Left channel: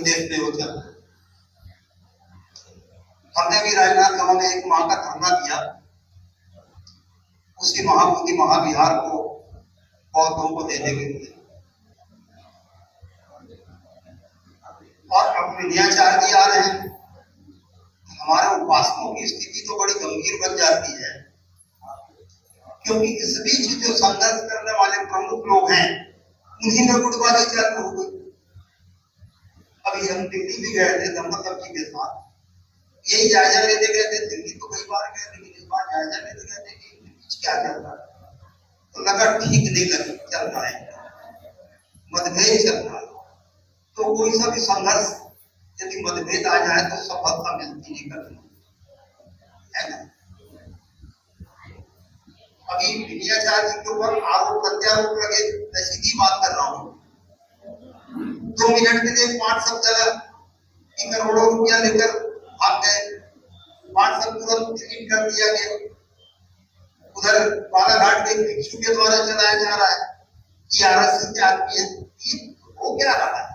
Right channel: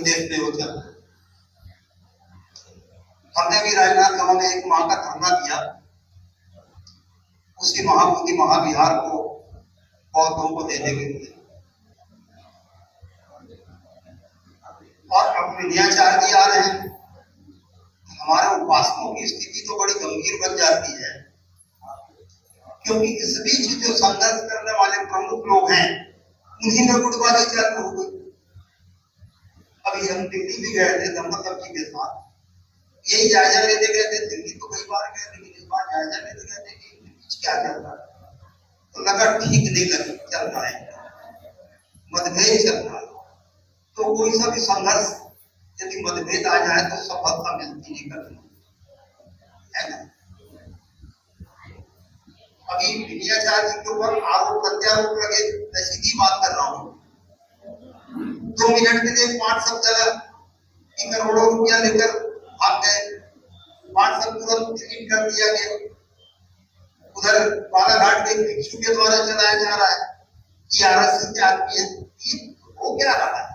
प्रदेश में हो चल रहा है। हमने भी राजनांदगांव में एक माह का धरना दिया, उसी महाबोधि महाविहार को पौधों को देने के लिए। और अब विनयाचार्य आ रहे हैं, हमारे उपासकों की स्थिति तो बड़ी गंभीर बन जाती है, क्योंकि इस बीच जो संघर्ष करने वाले प्रमुख लोग हैं उन्हीं में गुटबाजी चालू हो गई। अभी हम दिल्ली भी गए थे दम्पति जी के साथ, यही जायजा लेते गए थे। दिल्ली तो कई बार गए, लेकिन इस बार जायजा लेते गए थे कि क्या चल रहा है, तो लगा ठीक नहीं चल रहा है, मतभेद चल रहा है। तो कोई सा भी संघर्ष यदि मतभेद आ जाए तो सफलता मिलती नहीं करती है ना। अभी विनयाचार्य जी के ऊपर आरोप प्रत्यारोप लगे, मैं सीधी बात कर रहा हूँ। 2 मिनट के लिए 5 शब्द चला कि करोड़ों रुपया लेकर भाग गए, 5 शब्द तुरंत डिलीट कर दिया गया। उधर बालाघाट के भिक्षु के द्वारा चलाया जा रहा है कि आरएसएस के आदमी है, हो क्या रहा है।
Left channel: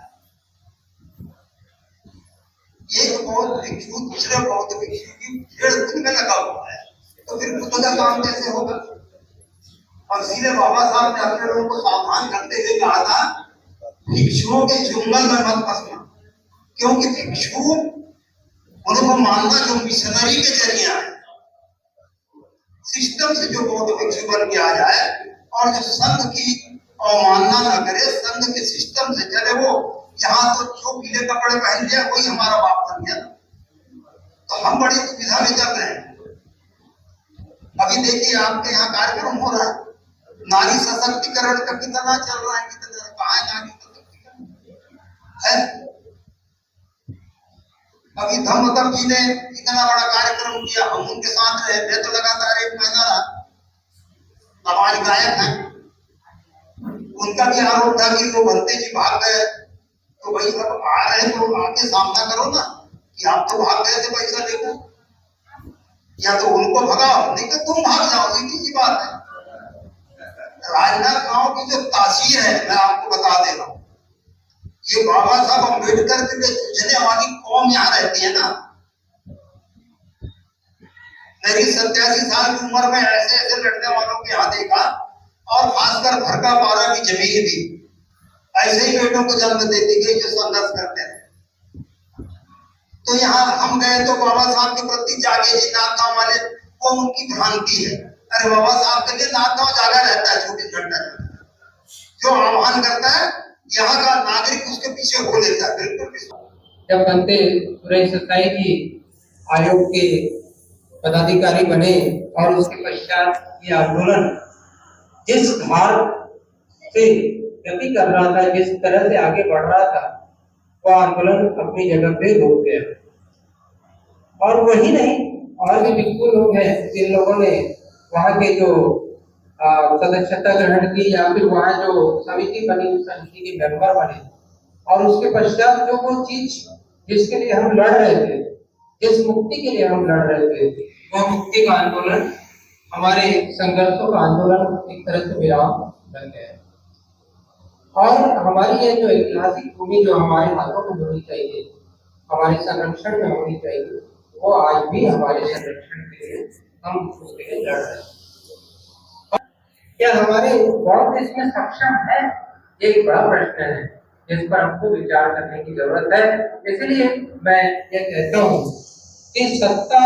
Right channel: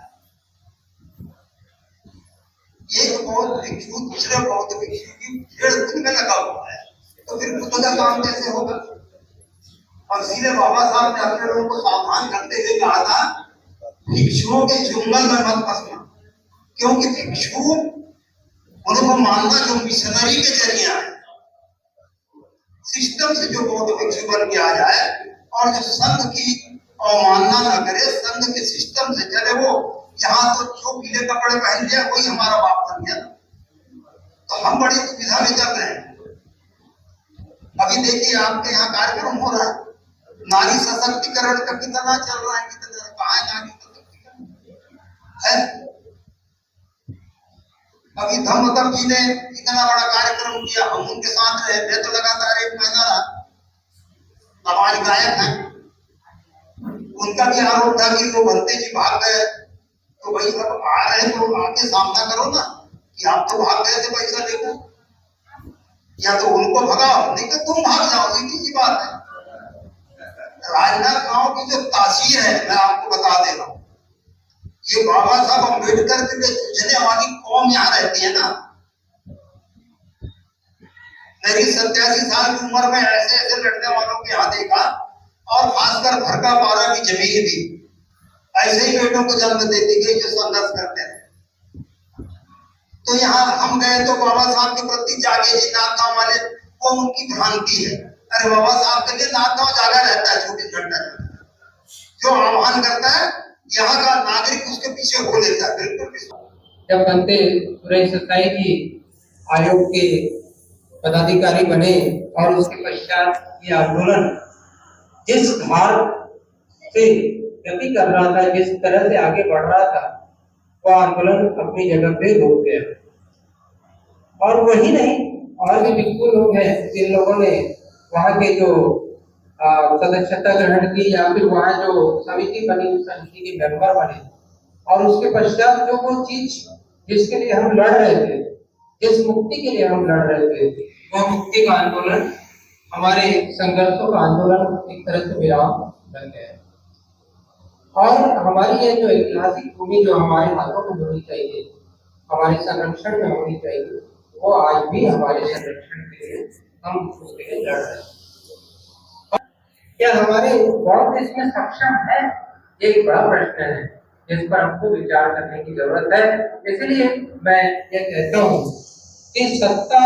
एक बौद्ध भिक्षु दूसरे बौद्ध भिक्षु की भीड़ में लगा हुआ है, तो फिर खुद का काम कैसे होगा। और इसीलिए बाबा साहब ने अपने लोगों को सावधान करते हुए कहा था, भिक्षुओं के चुंगल में मत फंसना, क्योंकि भिक्षु उनको मानना जो मिशनरी के जरिए है, सिस्टम से जो बौद्ध भिक्षु बन के आ जाए और जो संघ की अवमानना न करे, संघ के सिस्टम से चले, वो यहाँ तो जो पीले कपड़े पहन लिया वही हमारा बाप बन गया। तो हम बड़ी दुविधा में चल रहे हैं। अभी देखिए आपके यहाँ कार्यक्रम हो रहा है, नारी सशक्तिकरण का कितना चल रहा है, कितना कहाँ है नारी सशक्तिकरण है। अभी धम्मतम जी ने इतना बड़ा कार्यक्रम किया, हम उनके साथ रहे, मैं तो लगातार 1 महीना रहा। हमारे गायक हैं, उनका भी आरोप था कि वो भंते जी भाग गए। तो भाई अब आ रहे तो आके सामना करो ना कि आप तो भाग गए थे पैसा लेकर, या तो उनको भगाओ, नहीं तो तुम भाग जाओ, सीधी सी बात है। राजनांदगांव की जो तासीर है, मैं आपको बता दे रहा हूँ, ये बाबा साहब अम्बेडकर के जूझने वाली कौम यहाँ रहती है ना। मेरी 87 साल की उम्र में ऐसे ऐसे लड़ने वालों के यहाँ देखा, और खासकर भरका पारा की जमीन भी ऐसे ही बेटों को जन्म देती गई जो संघर्ष करते हैं। तो यहाँ हम गए तो बाबा साहब के प्रति जागे जी नाथगांव वाले, वो उनकी भ्रांति है। अरे बाबा साहब के लिए नाथगांव जागा रहता है 24 घंटा, जो आह्वान करता है यहाँ का नागरिक उसके पीछे हो लेता है। बिल्कुल। जब बनते सुरेश सताई जी आयोग के पदाधिकारी बने और उसके पश्चात ये आंदोलन जिस धार से गति कर रहा था, जिस तरह से आगे बढ़ रहा था, वो आंदोलन अपनी जगह पे रुक गया। और वही नहीं, और भी बिल्कुल लोग हैं जिन लोगों ने वहाँ के जो सदस्यता ग्रहण की या फिर वहाँ जो समिति बनी, उस समिति के मेंबर बने, और उसके पश्चात जो वो चीज जिसके लिए हम लड़ रहे थे, जिस मुक्ति के लिए हम लड़ रहे थे, वो मुक्ति का आंदोलन, हमारे संघर्षों का आंदोलन एक तरह से विराम बन गया। और हमारी ये जो ऐतिहासिक भूमि जो हमारे हाथों में होनी चाहिए, हमारे संरक्षण में होनी चाहिए, वो आज भी हमारे संरक्षण के लिए हम उसके लिए लड़ रहे हैं। क्या हमारे बहुत इसमें सक्षम है, ये एक बड़ा प्रश्न है जिस पर हमको विचार करने की जरूरत है। इसलिए मैं ये कहता हूँ कि सत्ता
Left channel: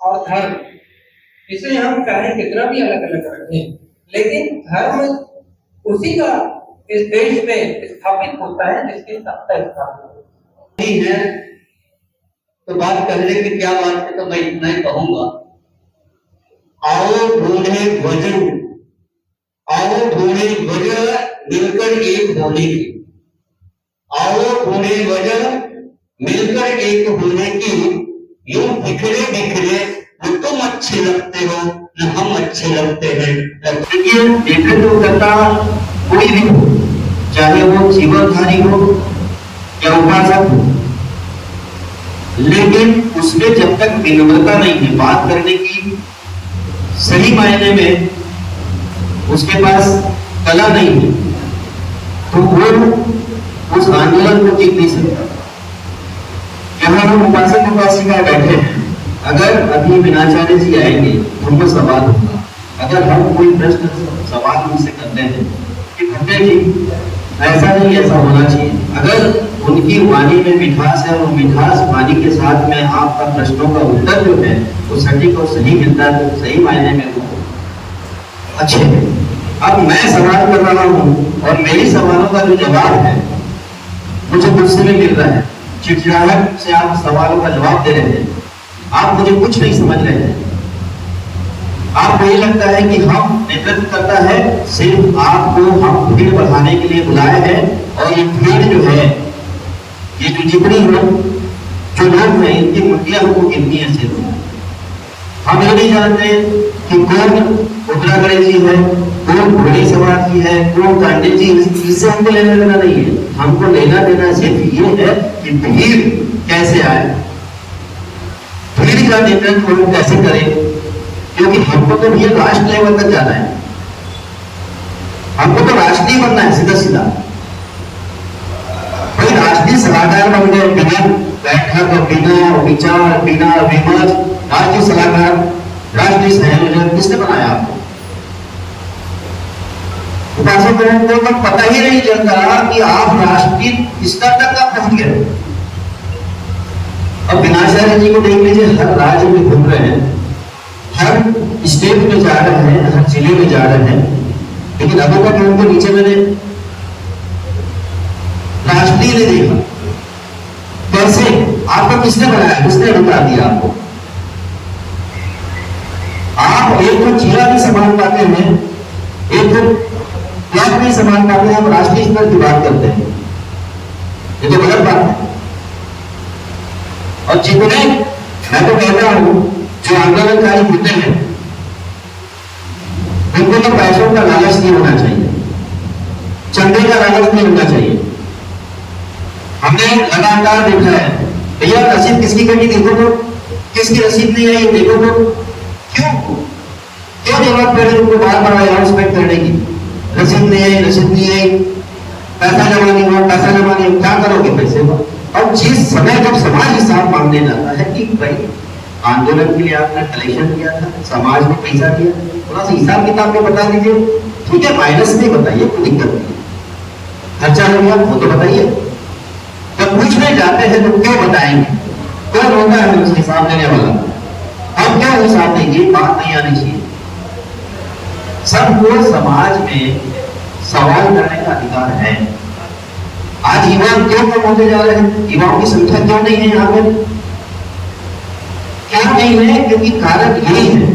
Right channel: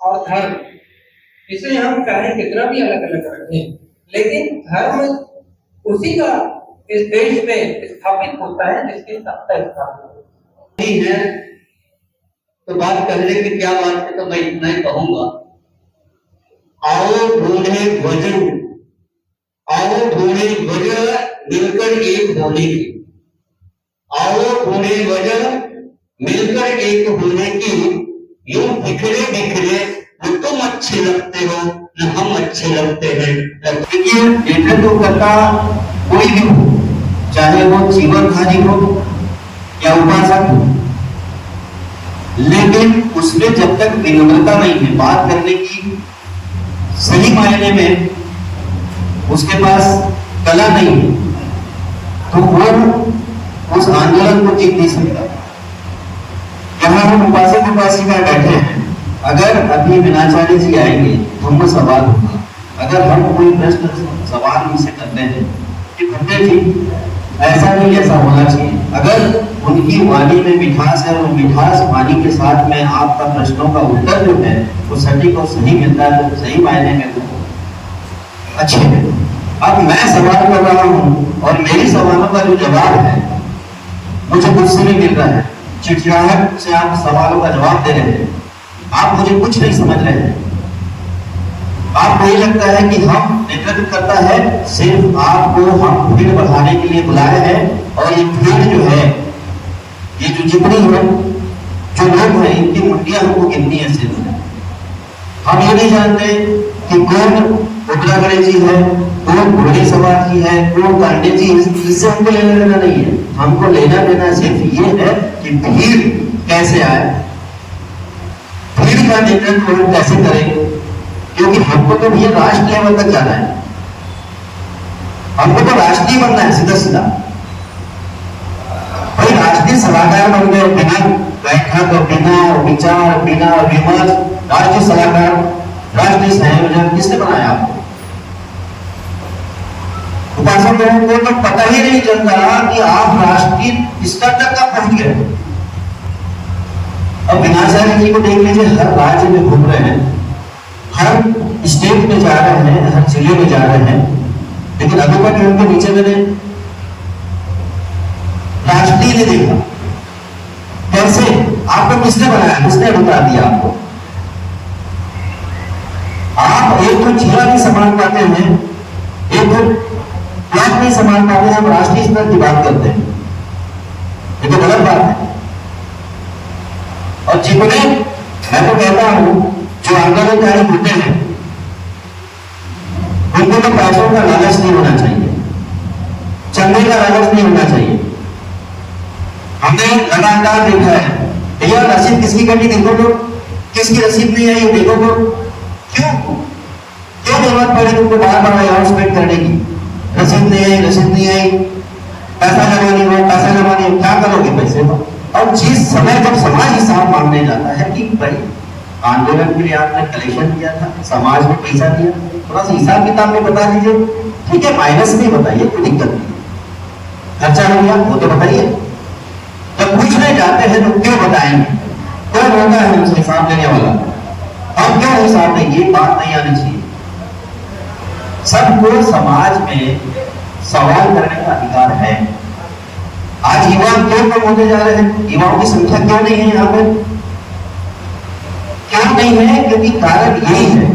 और धर्म, इसे हम चाहे कितना भी अलग अलग रखें, लेकिन धर्म उसी का इस देश में स्थापित होता है जिसकी सत्ता स्थापित नहीं है। तो बात करने की क्या बात है, तो मैं इतना ही कहूंगा, आओ ढूंढे वजन, आओ ढूंढे वजह मिलकर एक होने की, आओ ढूंढे वजह मिलकर एक होने की। यूं बिखरे बिखरे न तुम अच्छे लगते हो न हम अच्छे लगते हैं। लेकिन देखे तो पता कोई भी हो, चाहे वो जीवनधारी हो या उपासक हो, लेकिन उसमें जब तक विनम्रता नहीं है, बात करने की सही मायने में उसके पास कला नहीं है, तो वो उस आंदोलन को जीत नहीं सकता। यहाँ हम उपासक उपासिका बैठे हैं, अगर अभी विनाचार्य जी आएंगे तो उनको सवाल होगा। अगर हम कोई प्रश्न सवाल उनसे करते हैं कि भट्टे जी ऐसा नहीं, ऐसा होना चाहिए, अगर उनकी वाणी में मिठास है, वो मिठास वाणी के साथ में आपका प्रश्नों का उत्तर जो है वो सटीक और सही मिलता है, तो सही मायने में वो अच्छे है। अब मैं सवाल कर रहा हूँ और मेरी सवालों का जो जवाब है मुझे गुस्से में मिल रहा है, चिड़चिड़ाहट से आप सवालों का जवाब दे रहे हैं, आप मुझे कुछ नहीं समझ रहे हैं। आपको ये लगता है कि हम नेतृत्व करता है, सिर्फ आपको हम भीड़ बढ़ाने के लिए बुलाए हैं, और ये भीड़ जो है, ये जो जितनी है, जो लोग हैं, इनकी मुंडियां हमको गिननी है। सिर्फ हम ये नहीं जानते कि कौन उग्रा गणेश जी है, कौन घोड़ी सवार जी है, कौन कांडे जी, इससे हमको लेना देना नहीं है। हमको लेना देना सिर्फ ये है कि भीड़ कैसे आए, भीड़ का नेतृत्व हम कैसे करें, क्योंकि हमको तो भैया राष्ट्र लेवल तक जाना है, हमको तो राष्ट्रीय बनना है सीधा सीधा। भाई राष्ट्रीय सलाहकार बन गए बिना बैठक, बिना विचार, बिना विमर्श, राष्ट्रीय सलाहकार, राष्ट्रीय संयोजक किसने बनाया आपको? उपासकों को तो पता ही नहीं चलता कि आप राष्ट्रीय स्तर तक कब पहुंच गए। अब विनाचार्य जी को देख लीजिए, हर राज्य में घूम रहे हैं, हर स्टेट में जा रहे हैं, हर जिले में जा रहे हैं, लेकिन अभी तक उनके नीचे मैंने राष्ट्रीय नहीं देखा। कैसे? आपको किसने बनाया, किसने अधिकार दिया आपको? आप एक तो जिला भी संभाल पाते हैं, एक तो ब्लॉक भी संभाल पाते हैं, आप राष्ट्रीय स्तर की बात करते हैं, ये तो गलत बात है। और जितने मैं तो कहता हूं जो आंदोलनकारी होते हैं उनको तो पैसों का लालच नहीं होना चाहिए, चंदे का लालच नहीं होना चाहिए। हमने लगातार देखा है, भैया रसीद किसकी कटी देखो तो, किसकी रसीद नहीं आई देखो तो, क्यों जरूरत पड़े तुमको बार बार अनाउंसमेंट करने की, रसीद नहीं आई, रसीद नहीं आई, पैसा जमा नहीं हुआ, पैसा जमा नहीं हुआ, क्या करोगे पैसे का? और जिस समय जब समाज हिसाब मांगने जाता है कि भाई आंदोलन के लिए आपने कलेक्शन किया था, समाज ने पैसा दिया, थोड़ा सा हिसाब किताब में बता दीजिए, ठीक है, माइनस नहीं बताइए, कोई दिक्कत नहीं, खर्चा हो गया वो तो बताइए। जब पूछने जाते हैं तो क्यों बताएंगे? कौन होता है हमसे हिसाब देने वाला? हम क्यों हिसाब देंगे? बात नहीं आनी चाहिए। सबको समाज में सवाल करने का अधिकार है। आज युवा क्यों कम होते जा रहे हैं? युवाओं की संख्या क्यों नहीं है यहाँ पे? क्यों नहीं है? क्योंकि कारण यही है,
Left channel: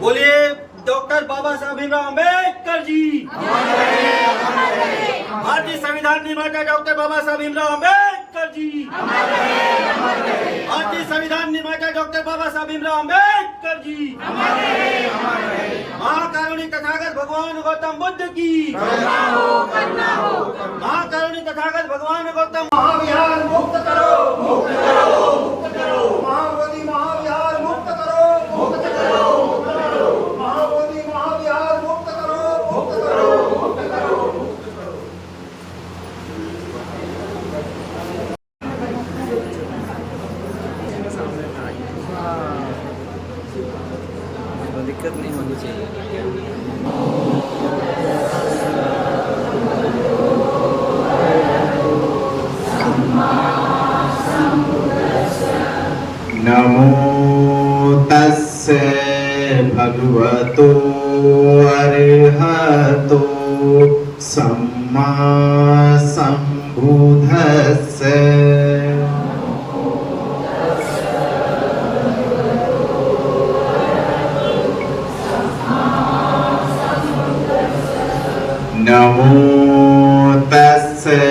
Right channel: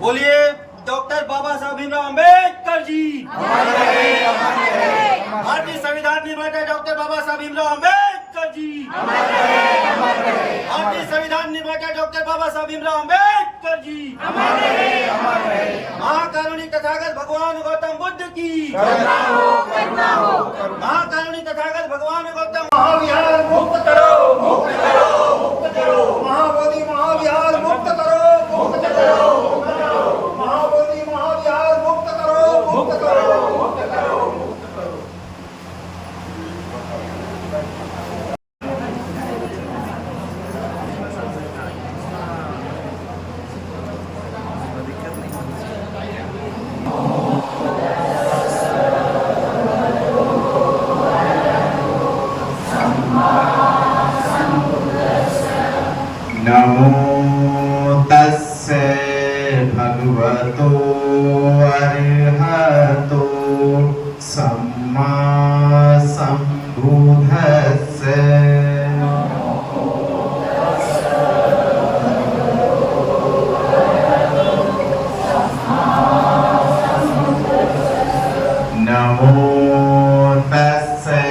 बोलिए डॉक्टर बाबा साहब भीमराव अम्बेडकर जी। भारतीय संविधान निर्माता डॉक्टर बाबा साहब भीमराव अम्बेडकर जी। भारतीय संविधान निर्माता डॉक्टर बाबा साहब भीमराव अम्बेडकर जी। महाकारुणी तथागत भगवान गौतम बुद्ध की। महाकारुणी तथागत भगवान गौतम। महाविहार मुक्त करो, मुक्त करो, मुक्त करो। महाबोधि महाविहार मुक्त करो, मुक्त करो, मुक्त करो। महाबोधि महाविहार मुक्त करो, मुक्त करो, मुक्त करो। नमो तस्से भगवतो अरहतो सम्मा सम्बुद्धस्से। नमो तस्से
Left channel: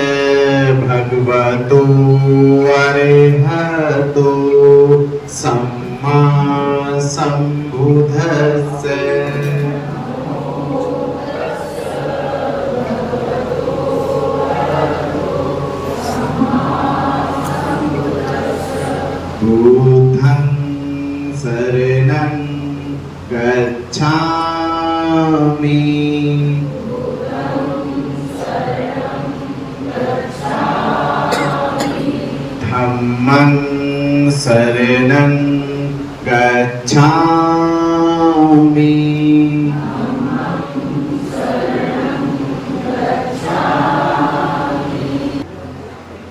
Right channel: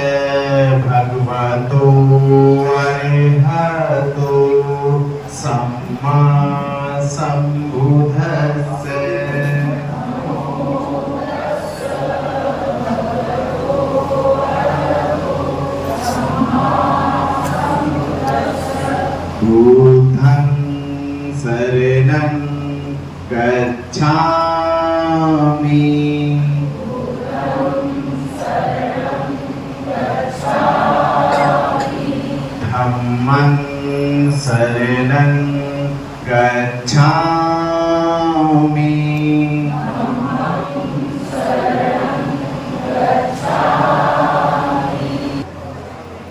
भगवतो अरहतो सम्मा सम्बुद्धस्से। धम्मं शरणं गच्छामि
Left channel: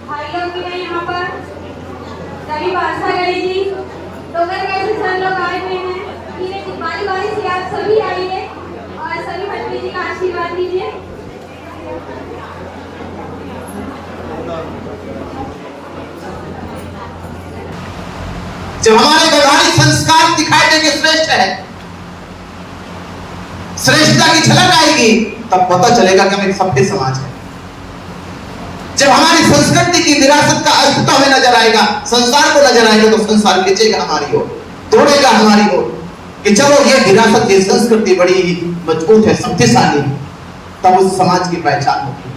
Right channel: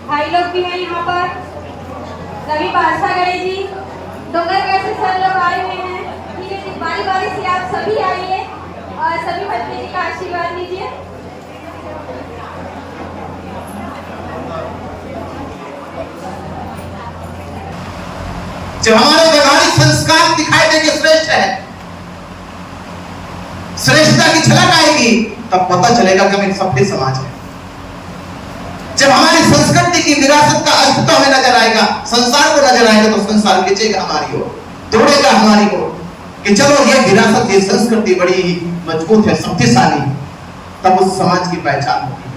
भाई लोग भी हैं यहाँ पर, सभी भाषा गणेश जी, डोंगरगढ़ से सर लोग आए हुए हैं। फिर बारी बारी से आप सभी आइए और सभी बच्चे जी का आशीर्वाद लीजिए। जब हमारे व्यवहारिक संस्कार दिखाई देंगे श्रेष्ठ है, श्रेष्ठता की झलक आएगी, तब पता चलेगा कि हम एक सभ्य समाज है। जब हमारी संस्कृति की विरासत का अस्तित्व हमें नजर आएगा, संसार को नजर आएगा, तो संसार खींचेगा हमारी ओर, दौड़ेगा हमारी ओर कि चलो ये विरासत, ये संस्कृति बड़ी ही मजबूत है, शक्तिशाली। तब उस समाज की पहचान होगी।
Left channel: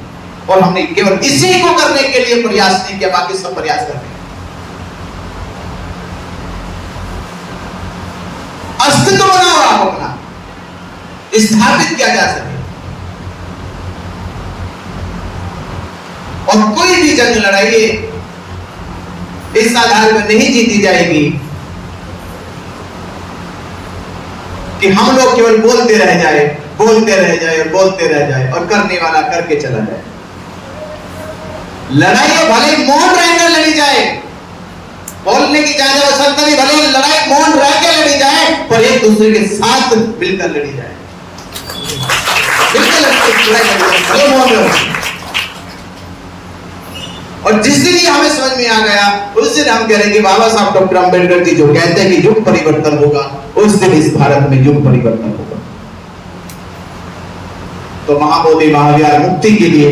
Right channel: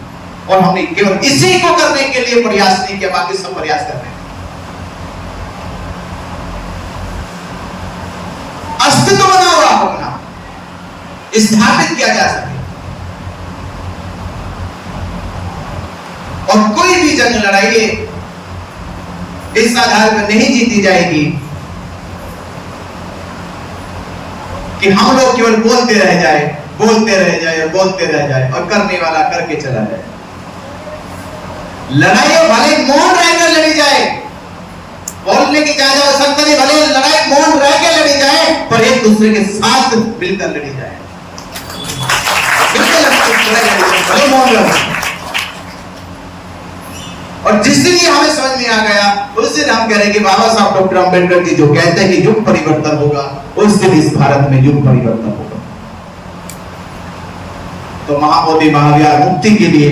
और हमने केवल इसी को करने के लिए प्रयास नहीं किया, बाकी सब प्रयास कर रहे हैं। अस्तित्व बनाओ आप अपना, स्थापित किया जा सके। और कोई भी जंग लड़ाई इस आधार पर नहीं जीती जाएगी कि हम लोग केवल बोलते रह जाए, बोलते रह जाए और बोलते रह जाए और करने वाला करके चला जाए। लड़ाई भले मौन रहकर लड़ी जाए, बोलने की ज्यादा आवश्यकता नहीं, भले लड़ाई मौन रह के लड़ी जाए, पर एक दूसरे के साथ मिलकर लड़ी जाए। भले मौन रहे। और जिस दिन ये हमें समझ में आ गया, उस दिन हम कह रहे हैं कि बाबा साहब डॉक्टर अंबेडकर जी जो कहते हैं कि युग परिवर्तन होगा, उस दिन इस भारत में युग परिवर्तन होगा। तो महाबोधि महाविहार मुक्ति के लिए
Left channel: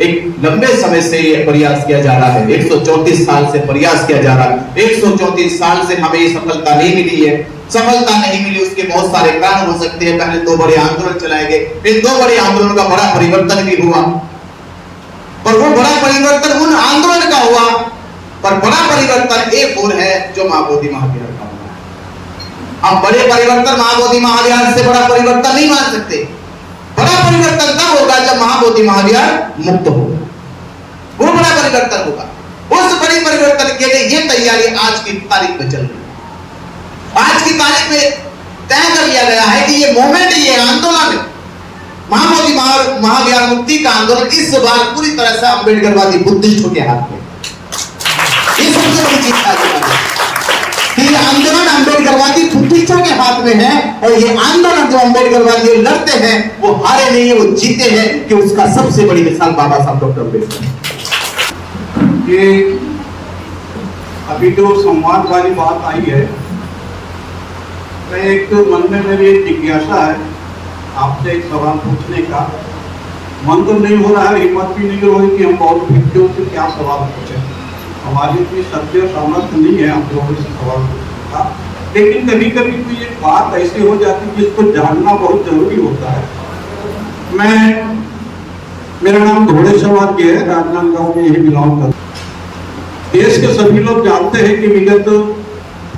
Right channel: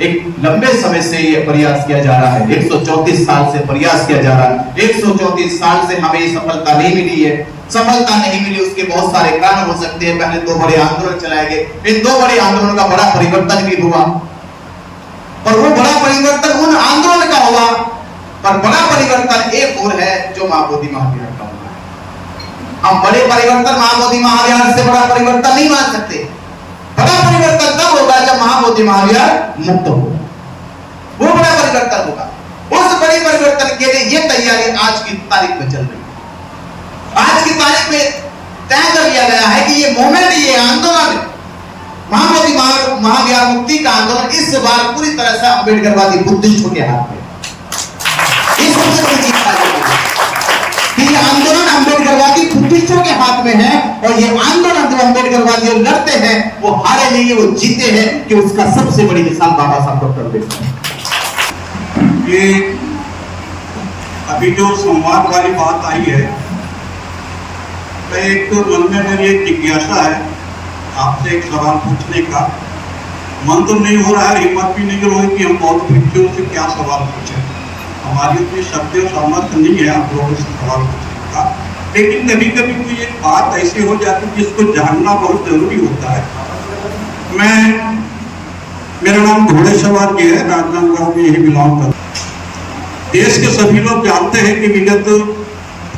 एक लंबे समय से ये प्रयास किया जा रहा है, 134 साल से प्रयास किया जा रहा है। 134 साल से हमें सफलता नहीं मिली है। सफलता नहीं मिली, उसके बहुत सारे कारण हो सकते हैं। पहले 2 बड़े आंदोलन चलाए गए, इन 2 बड़े आंदोलनों का बड़ा परिवर्तन भी हुआ, पर वो बड़ा परिवर्तन उन आंदोलन का हुआ, पर बड़ा परिवर्तन एक और है जो महाबोधि महाविहार का हुआ। हम बड़े परिवर्तन महाबोधि महाविहार से बड़ा परिवर्तन नहीं मान सकते। बड़ा परिवर्तन तब होगा जब महाबोधि महाविहार मुक्त होगा, वो बड़ा परिवर्तन होगा। उस बड़े परिवर्तन के लिए ये तैयारी आज की तारीख में चल रही है। आज की तारीख में तय कर लिया गया है कि ये मूवमेंट, ये आंदोलन, महाबोधि महाविहार मुक्ति का आंदोलन इस बार पूरी तरह से अम्बेडकरवादी बुद्धिस्टों के हाथ में। इस सबसे बड़ी चीज कि ये आंदोलन अम्बेडकरवादी बुद्धिस्टों के हाथ में है, और ये आंदोलन जो अम्बेडकरवादी लड़ते हैं वो हारे नहीं है, वो जीते हैं। कि उसका सबसे बड़ी मिसाल बाबा साहब डॉक्टर अम्बेडकर। ये अभी जो संवाद वाली बात आई है, मैं एक मन में मेरी एक जिज्ञासा है आपसे एक सवाल पूछने का। मन तो नहीं हो रहा है, हिम्मत भी नहीं हो रही कि हम बहुत बच्चों से क्या सवाल पूछें। हमारी उतनी शक्ति और सामर्थ्य नहीं है आप लोगों से सवाल पूछने का। लेकिन कभी कभी कोई एक बात ऐसी हो जाती है जिसको जानना बहुत जरूरी होता है। मेरा नाम घोड़ेश्वर जी है, राजनांदगांव में यही बिलोंग करता हूं। देश के सभी लोग जानते हैं कि विगत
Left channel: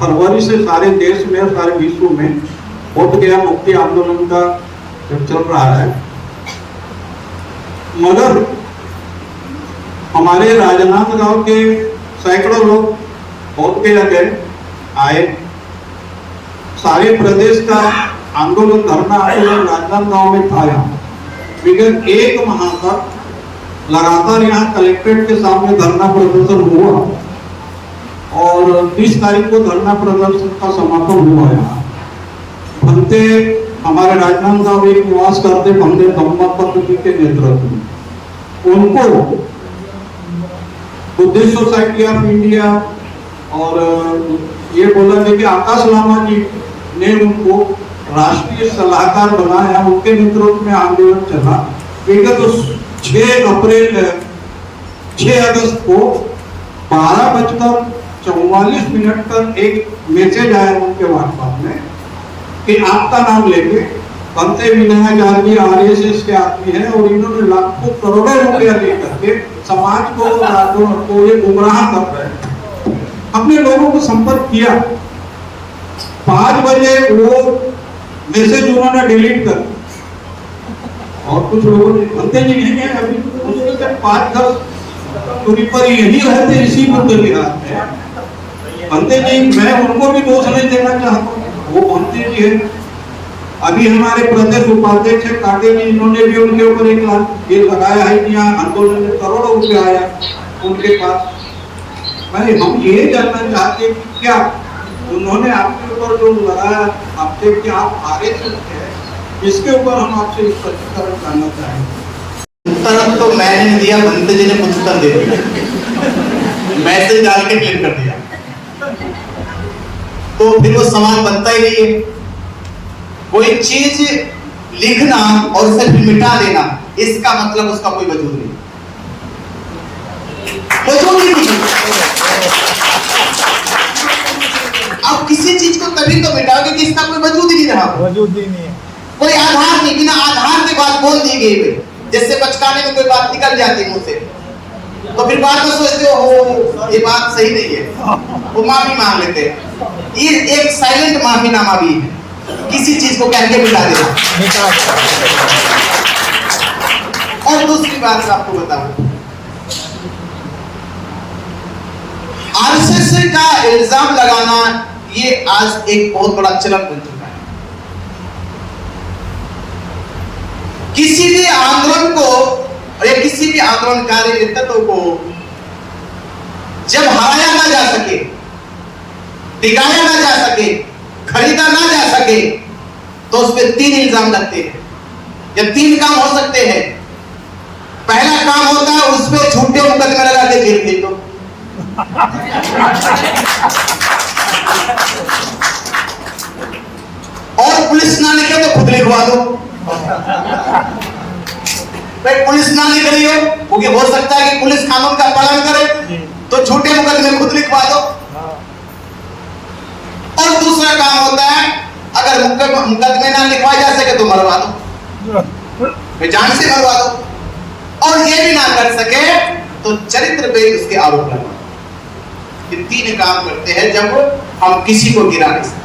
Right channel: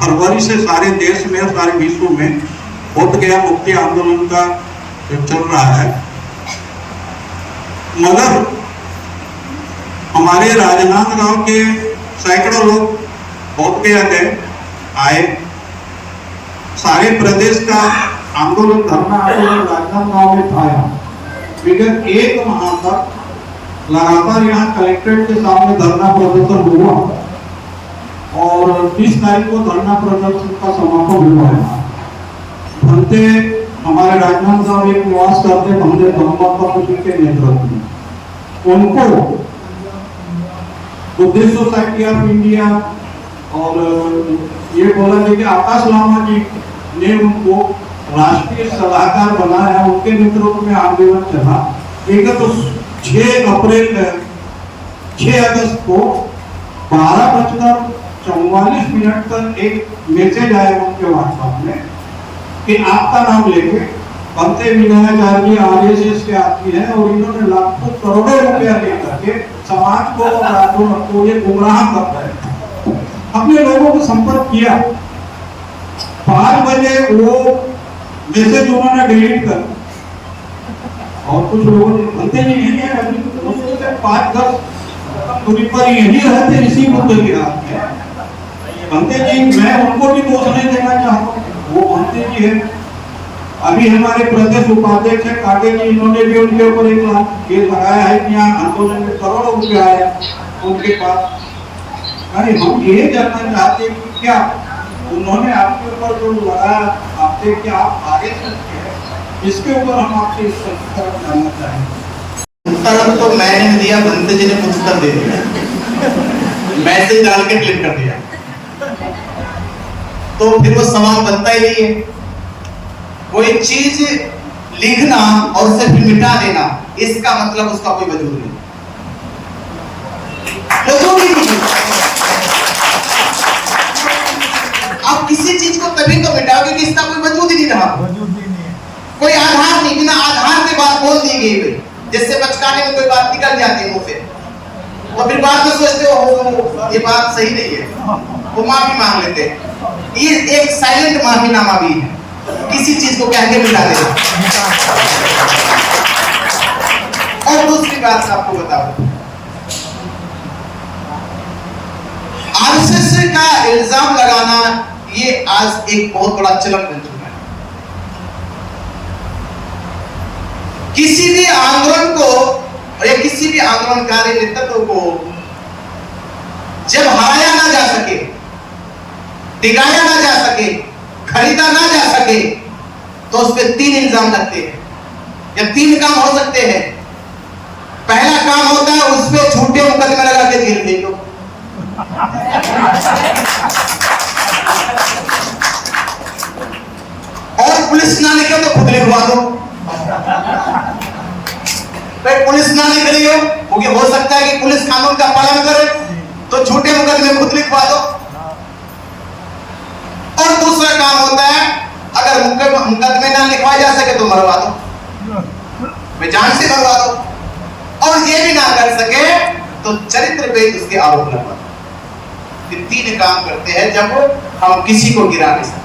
फरवरी से सारे देश में, सारे विश्व में बोध गया मुक्ति आंदोलन का जो चल रहा है, मगर हमारे राजनांदगांव के सैकड़ों लोग बोध गया गए, आए। सारे प्रदेश का आंदोलन, धरना आंदोलन राजनांदगांव में था। विगत 1 माह तक लगातार यहाँ कलेक्ट्रेट के सामने धरना प्रदर्शन हुआ, और 30 तारीख को धरना प्रदर्शन का समापन हुआ है। बनते हमारे राजनांदगांव में निवास करते बंदे ब्रह्मत्व जी के नेतृत्व में उनको बुद्धिस्ट सोसाइटी ऑफ इंडिया और ये बोला गया कि आकाश लामा जी ने उनको राष्ट्रीय सलाहकार बनाया। उनके नेतृत्व में आंदोलन चला। विगत 6 अगस्त को 12:44 तक एक मैसेज आया उनके व्हाट्सएप में कि आपका नाम लेके बनते विनायक आदमी RSS के आदमी है, और इन्होंने लाखों करोड़ों रुपया लेकर के समाज को ये गुमराह कर रहे हैं। हमने लोगों को संपर्क किया। 5 बजे वो मैसेज उन्होंने डिलीट कर, और कुछ लोगों ने बनते जी नहीं है, अभी मुश्किल से 5-10 दूरी पर यही रहते इसी बुद्ध की रात में। भंते जी मैं उनको भी दोष नहीं देना चाहता, वो भंते जी है। अभी हमारे प्रदेश उपाध्यक्ष है काटे जी, इन्होंने भी उनके ऊपर एक केस लगाया है कि यहाँ आंदोलन में करोड़ों रुपये आया उनके पास। मैं हम ये जानना चाहते हैं कि क्या उन्होंने आपके ऊपर जो लगाया आपसे क्या आप आगे चलते हैं, इसके ऊपर हम आपसे इस तरफ जानना चाहेंगे। उत्तर तो मैंने दिया, भंते जी ने उत्तर दे दिया, मैसेज डाल के क्लिक कर दिया, तो फिर वो सवाल बनता ही नहीं है। कोई चीज लिखना और उसे फिर मिटा देना, इसका मतलब उसका कोई वजूद नहीं, वजूद ही नहीं। आप किसी चीज को तभी तो मिटाओगे कि इसका कोई वजूद ही नहीं रहा, वजूद ही नहीं है। कोई आधार नहीं, बिना आधार के बात बोल दी गई। जैसे बचकाने में कोई बात निकल जाती है मुंह से, तो फिर बाद में सोचते हो ये बात सही नहीं है, वो माफी मांग लेते हैं। ये एक साइलेंट माफीनामा भी है, किसी चीज को कह के मिटा देना। और दूसरी बात आपको बताऊं, आरएसएस का इल्जाम लगाना ये आज एक बहुत बड़ा चलन बन चुका है। किसी भी आंदोलन को या किसी भी आंदोलनकारी नेतृत्व को जब हराया ना जा सके, टिकाया ना जा सके, खरीदा ना जा सके, तो उस पर 3 इल्जाम लगते हैं। जब 3 काम हो सकते हैं, पहला काम होता है उस पर झूठे मुकदमे लगा के जेल भेज दो। और पुलिस ना लिखे तो खुद लिखवा दो। भाई पुलिस ना लिख रही हो, क्योंकि हो सकता है कि पुलिस कानून का पालन करे, तो झूठे मुकदमे खुद लिखवा दो। और दूसरा काम होता है, अगर मुकदमे ना लिखवाए जा सके तो मरवा दो, मैं जान से मरवा दो। और ये भी ना कर सके तो चरित्र पे उसके आरोप लगा। 3 काम करते हैं जब हम किसी को गिरा नहीं सकते।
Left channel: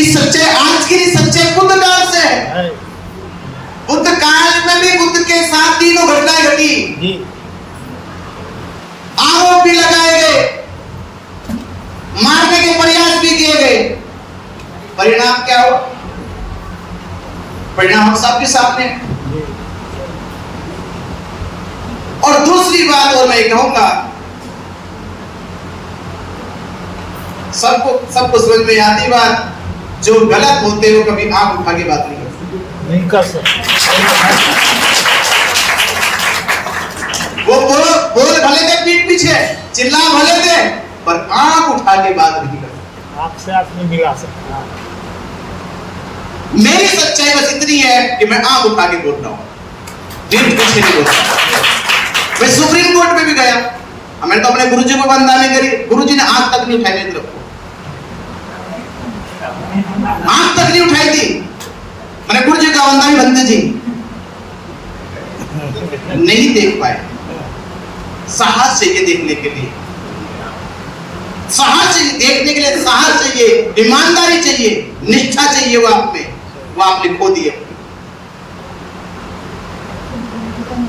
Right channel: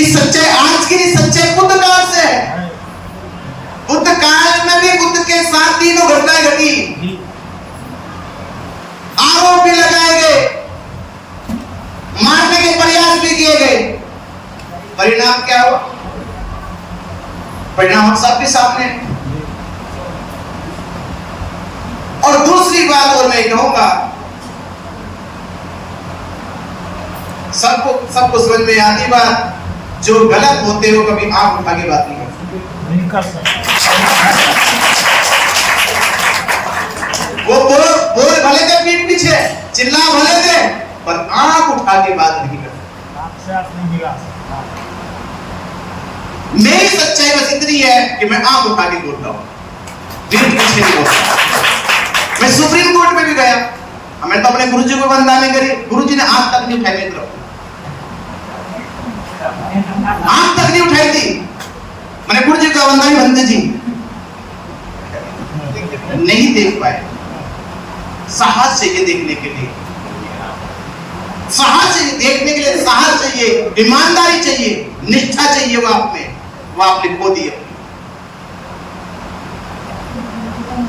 इस सच्चाई आज की सच्चाई बुद्ध काल से है। बुद्ध काल में भी बुद्ध के साथ 3 घटनाएं घटी, आरोप भी लगाए गए, मारने के प्रयास भी किए गए। परिणाम क्या हुआ? परिणाम हम सबके सामने। और दूसरी बात और मैं कहूंगा, सबको समझ में आती बात, जो गलत होते हो कभी आंख उठा के बात नहीं कर सकते। वो बोल भले के पीठ पीछे, चिल्ला भले के, पर आंख उठा के बात नहीं कर सकते। आंख से आंख नहीं मिला सकता। मेरी सच्चाई बस इतनी है कि मैं आंख उठा के बोल रहा हूँ, पीठ पीछे नहीं बोल रहा। मैं सुप्रीम कोर्ट में भी गया, मैंने तो अपने गुरुजी को वंदना करी, गुरुजी ने आंख तक नहीं उठाई मेरी तरफ, आंख तक नहीं उठाई थी। मैंने गुरुजी का वंदना बंदे जी नहीं देख पाए। साहस चाहिए देखने के लिए, साहस चाहिए देखने के लिए, साहस चाहिए, ईमानदारी चाहिए, निष्ठा चाहिए, वो आप में, वो आपने खो दिया।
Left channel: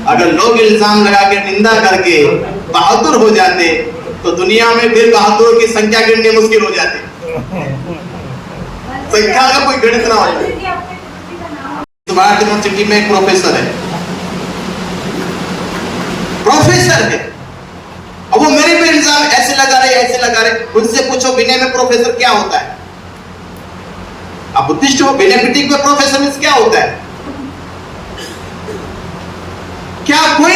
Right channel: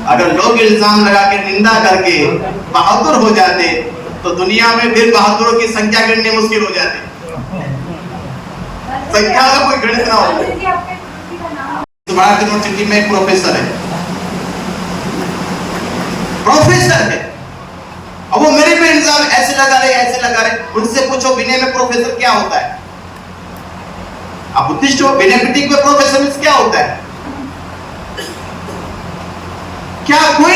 अगर लोग इल्जाम लगा के निंदा करके बहादुर हो जाते तो दुनिया में फिर बहादुरों की संख्या गिननी मुश्किल हो जाती। संख्या का कोई गिनत ना हो। तुम्हारा यूनिवर्सिटी में एक प्रोफेसर है, अब वो मेरे पे इल्जाम ऐसे लगा रहे, उनसे पूछो विनय में प्रोफेसर क्या होता है? आप बुद्धिस्ट हो, विनय क्रिटिक में प्रोफेसर क्या होता है? क्या कोई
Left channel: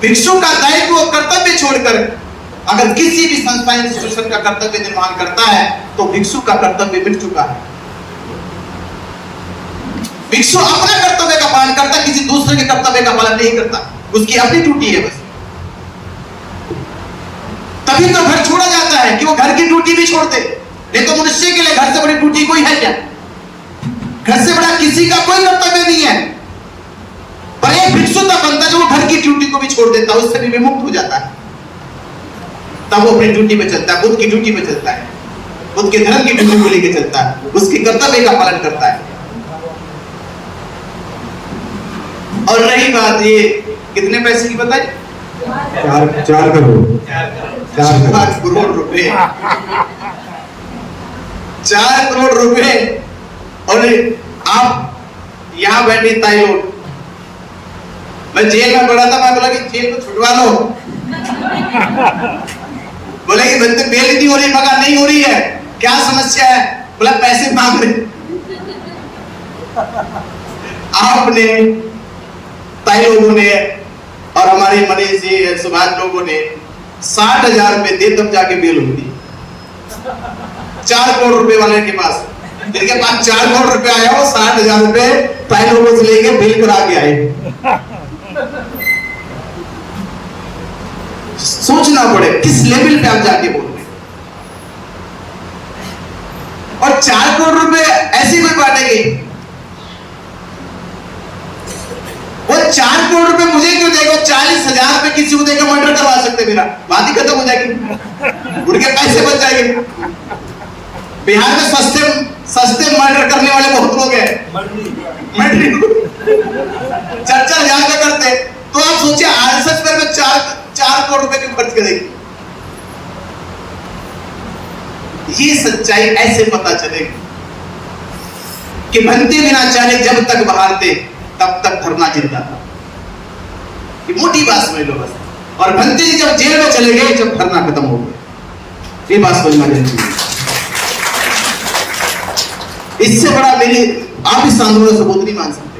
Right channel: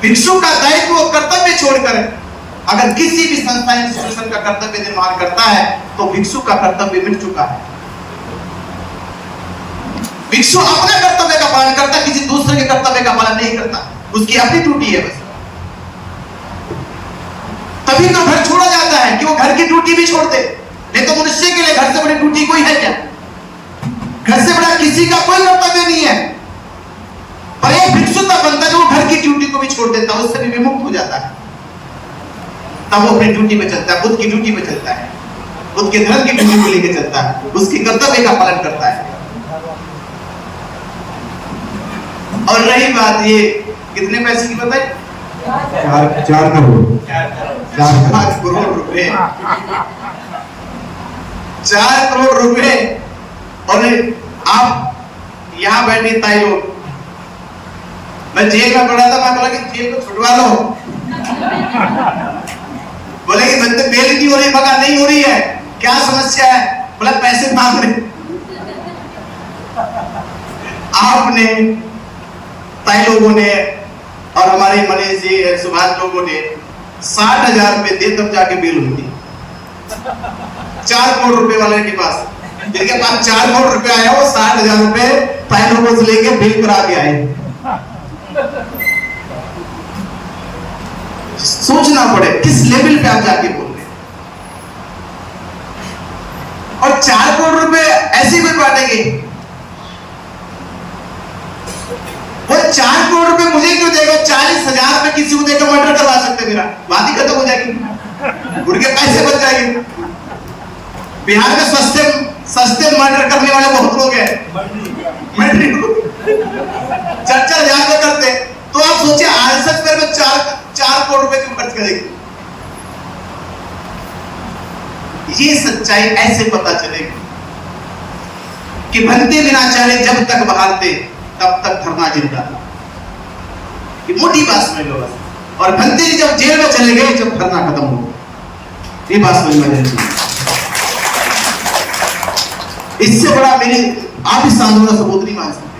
भिक्षु का दायित्व और कर्तव्य छोड़कर अगर किसी भी संस्था इंस्टीट्यूशन का कर्तव्य निर्वहन करता है तो भिक्षु का कर्तव्य मिट चुका है। भिक्षु अपने कर्तव्य का पालन करता, किसी दूसरे के कर्तव्य का पालन नहीं करता, उसकी अपनी ड्यूटी है बस। तभी तो घर छोड़ा जाता है कि वो घर की ड्यूटी भी छोड़ते, नहीं तो मनुष्य के लिए घर से बड़ी ड्यूटी कोई है क्या? घर से बड़ा किसी का कोई कर्तव्य नहीं है। पर एक भिक्षु तक बनता जो घर की ड्यूटी को भी छोड़ देता है, उससे भी विमुक्त हो जाता है, तब वो अपनी ड्यूटी पे चलता है, बुद्ध की ड्यूटी पे चलता है, बुद्ध के धर्म की ड्यूटी को लेकर चलता है, उसके कर्तव्य का पालन करता है। और रही बात ये कितने पैसे की बताई? 4 करोड़ 4 करोड़ रुपए, 4 करोड़ रुपए। और आप यहाँ बैठे ताई लोग, मैं जेल में पड़ा था, मैं बोला कि जेल को छुटवा लो, बोले कि बेल नहीं हो रही, मगर नहीं हो रही है, क्या समस्या है? बोला पैसे मांग रहे। आपने ताई लोगों ने और हमारे मनीष जी सुभाष लोगों ने 60,000 रुपए दे तब जाके बेल हुई थी। 4 करोड़ रुपए वाले के पास, जिनके पास 4 करोड़ रुपए आया वो 60,000 रुपए ताई लोगों से लेके बिल करा के आए। सोचना पड़े किस लेवल पे आप जाके बोल रहे। और 4 करोड़ रुपए ऐसी कोई बांटेगी? वो 4 करोड़ रुपए मुझे क्यों देगा? 40,000 रुपए किसी को देकर मर्डर करवा सकते, मेरा बात ही खत्म हो जाएगी, उनके पैसे बच जाएंगे। बिहार में सस्ते मर्डर करने वाले बहुत लोग हैं, मर्डरी 4,000 के करते। तो आप सोचिए आरएसएस पर 4 करोड़ रुपए क्यों खर्च करेगी? ये सच्चाई ऐसे पता चलेगी कि भंते बिना चाहे जब तक बहाते तब तक धरना जिंदा था। ये मोटी बात समझ लो बस। और भंते जी जब जेल में चले गए जब धरना खत्म हो गया, ये बात समझ में नहीं। इससे बड़ा मेरे आप इस आंदोलन से सबूत नहीं मान सकते।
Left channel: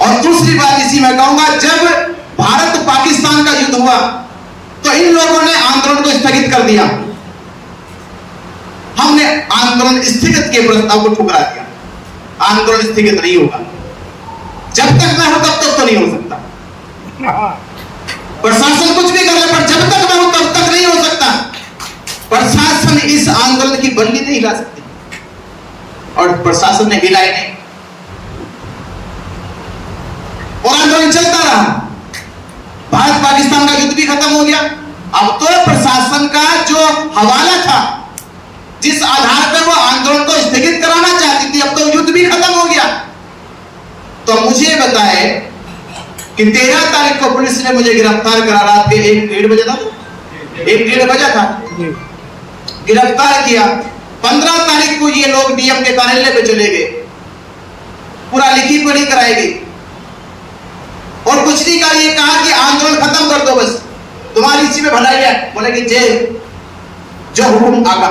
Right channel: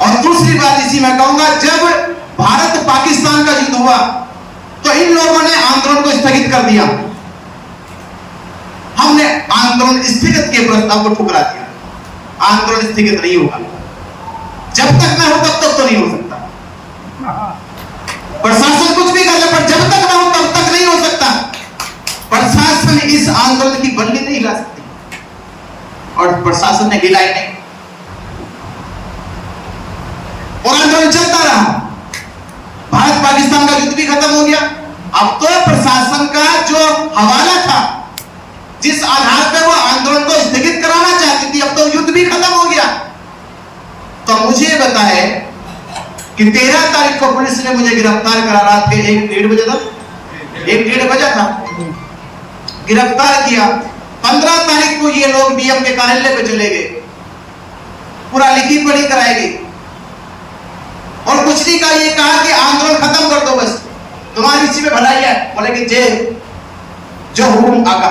और दूसरी बात इसी में कहूंगा, जब भारत पाकिस्तान का युद्ध हुआ तो इन लोगों ने आंदोलन को स्थगित कर दिया। हमने आंदोलन स्थगित के प्रस्ताव को ठुकरा दिया। आंदोलन स्थगित नहीं होगा, जब तक मैं हूं तब तक तो नहीं हो सकता। प्रशासन कुछ भी कर ले, पर जब तक मैं हूं तब तक नहीं हो सकता। प्रशासन इस आंदोलन की बल्ली नहीं हिला सकती, और प्रशासन ने हिलाई नहीं, और आंदोलन चलता रहा। भारत पाकिस्तान का युद्ध भी खत्म हो गया। अब तो प्रशासन का जो हवाला था, जिस आधार पर वो आंदोलन को स्थगित कराना चाहती थी, अब तो युद्ध भी खत्म हो गया। तो मुझे बताए कि 13 तारीख को पुलिस ने मुझे गिरफ्तार करा, रात के 1-1:30 बजे था, 1-1:30 बजा था, गिरफ्तार किया। 15 तारीख को ये लोग डीएम के कार्यालय पे चले गए, पूरा लिखी पढ़ी कराएगी, और कुछ नहीं कहा, ये कहा कि आंदोलन खत्म कर दो, बस तुम्हारी इसी में भलाई है। बोले कि जे जो हुकुम आगा।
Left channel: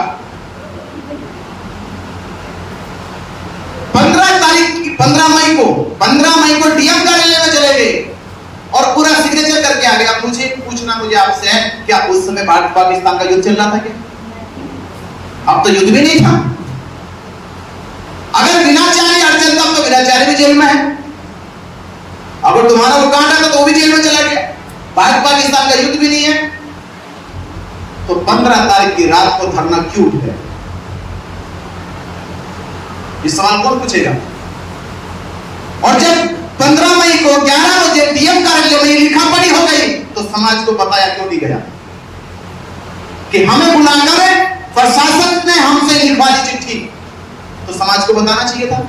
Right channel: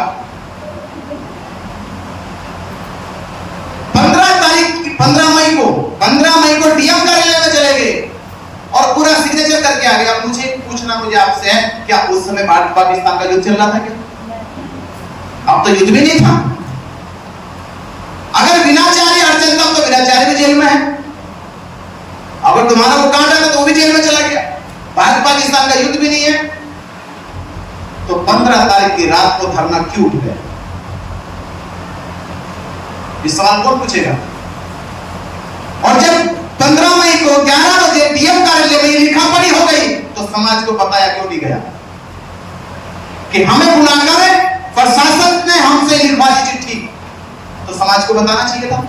15 मई को डीएम कार्यालय में चले गए और पूरा सिग्नेचर करके आ गया। मुझे पूछना मुझे आपसे है, क्या उस समय भारत पाकिस्तान का युद्ध चल रहा था क्या? अब तो युद्ध भी नहीं था। अगर विनाचारी अर्चन तब तो विनाचारी भी जेल में है, अगर तुम्हारा वो कांड है तो वो भी जेल में चला गया। भारत पाकिस्तान का युद्ध भी नहीं है, तो 15 तारीख की रात को धरना क्यों उठ गया? इस सवाल कौन पूछेगा? और जब 15 मई को 11 बजे डीएम कार्यालय में लिखा पढ़ी हो गई, तो समाज को बताया क्यों नहीं गया कि हमें बुलाकर प्रशासन ने हमसे लिखवाई चिट्ठी, तो समाज को बताना चाहिए था।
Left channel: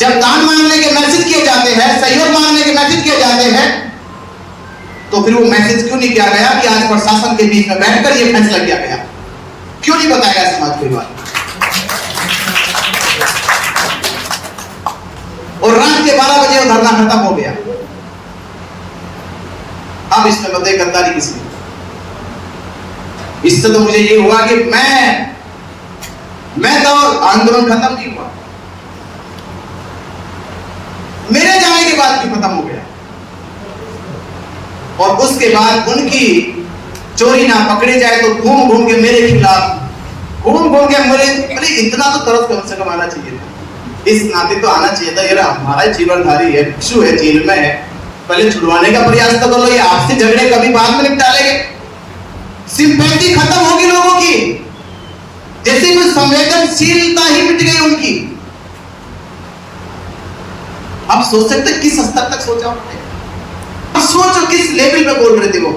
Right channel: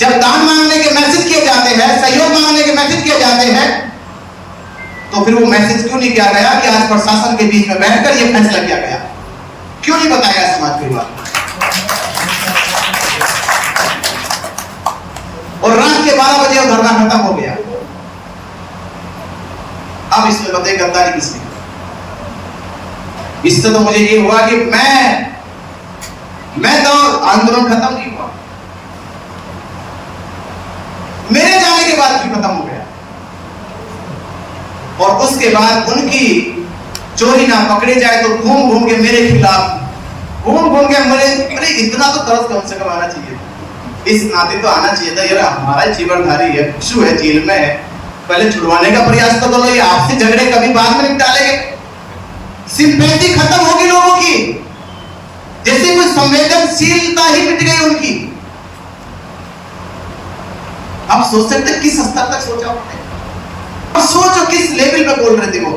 जब दान मांगने के मैसेज किए जाते हैं, सहयोग मांगने के मैसेज किए जाते हैं, तो फिर वो मैसेज क्यों नहीं किया गया कि आज प्रशासन के बीच में बैठकर ये फैसला किया गया? क्यों नहीं बताया गया समाज को? और रात के 12 बजे धरना खत्म हो गया। अब इसमें बताइए गद्दारी किसने? इससे तो मुझे ये हुआ कि मैं तो आंदोलन खत्म नहीं हुआ, मेरे जाने के बाद भी खत्म हो गया। और उसके बाद उनकी चोरी ना पकड़े जाए तो घूम घूम के मेरे खिलाफ, घूम घूम के मेरे, अरे इतना तो तरस कम से कम आना चाहिए, इस नाते तो आना चाहिए था। यार हमारा जीवनधारी है, शिशु है, जेल में है, पहले छुड़वाने का प्रयास तो करो। ये आपसे झगड़े कभी बाद में निपटा लेंगे। सिंपैथी खत्म होगी लोगों की, जैसे वो संवेदनशीलता ही मिट गई उनकी। आप सोच सकते किस स्तर तक सोचा उन्होंने? अब सोचो किस लेवल पे बोल रहे थे वो।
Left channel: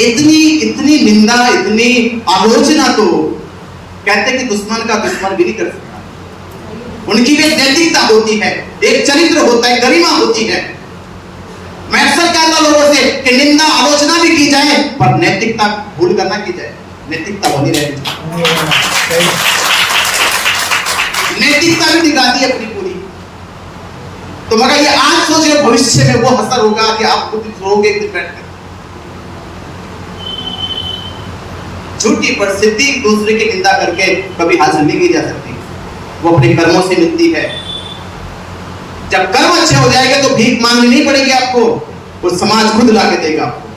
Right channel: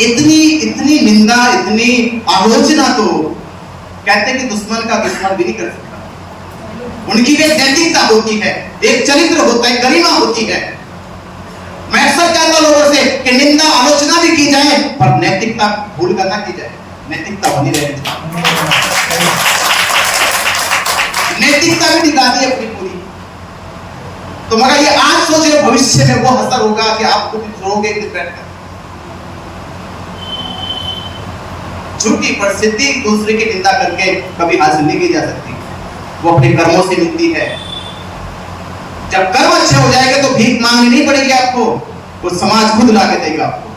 इतनी निंदा, इतनी आलोचना तो कहते कि दुश्मन का दुश्मन भी नहीं कर सकता। उनकी भी नैतिकता होती है, एक चरित्र होता है, गरिमा होती है। मैं ऐसा कहता हूं लोगों से कि निंदा आलोचना भी की जाए पर नैतिकता भूल कर ना की जाए, नैतिकता होनी चाहिए। नैतिकता भी दिखाती है अपनी पूरी। तो मगर ये आज सोचे भविष्य में वो असर होगा कि आप खुद रोगे बैठकर। झूठी प्रसिद्धि दूसरे की निंदा करके कभी हासिल नहीं की जा सकती, वो अपने कर्मों से मिलती है। जब कर्म अच्छे हो जाएंगे तो भीख मांगनी नहीं पड़ेगी आपको, वो समाज खुद ला के देगा आपको।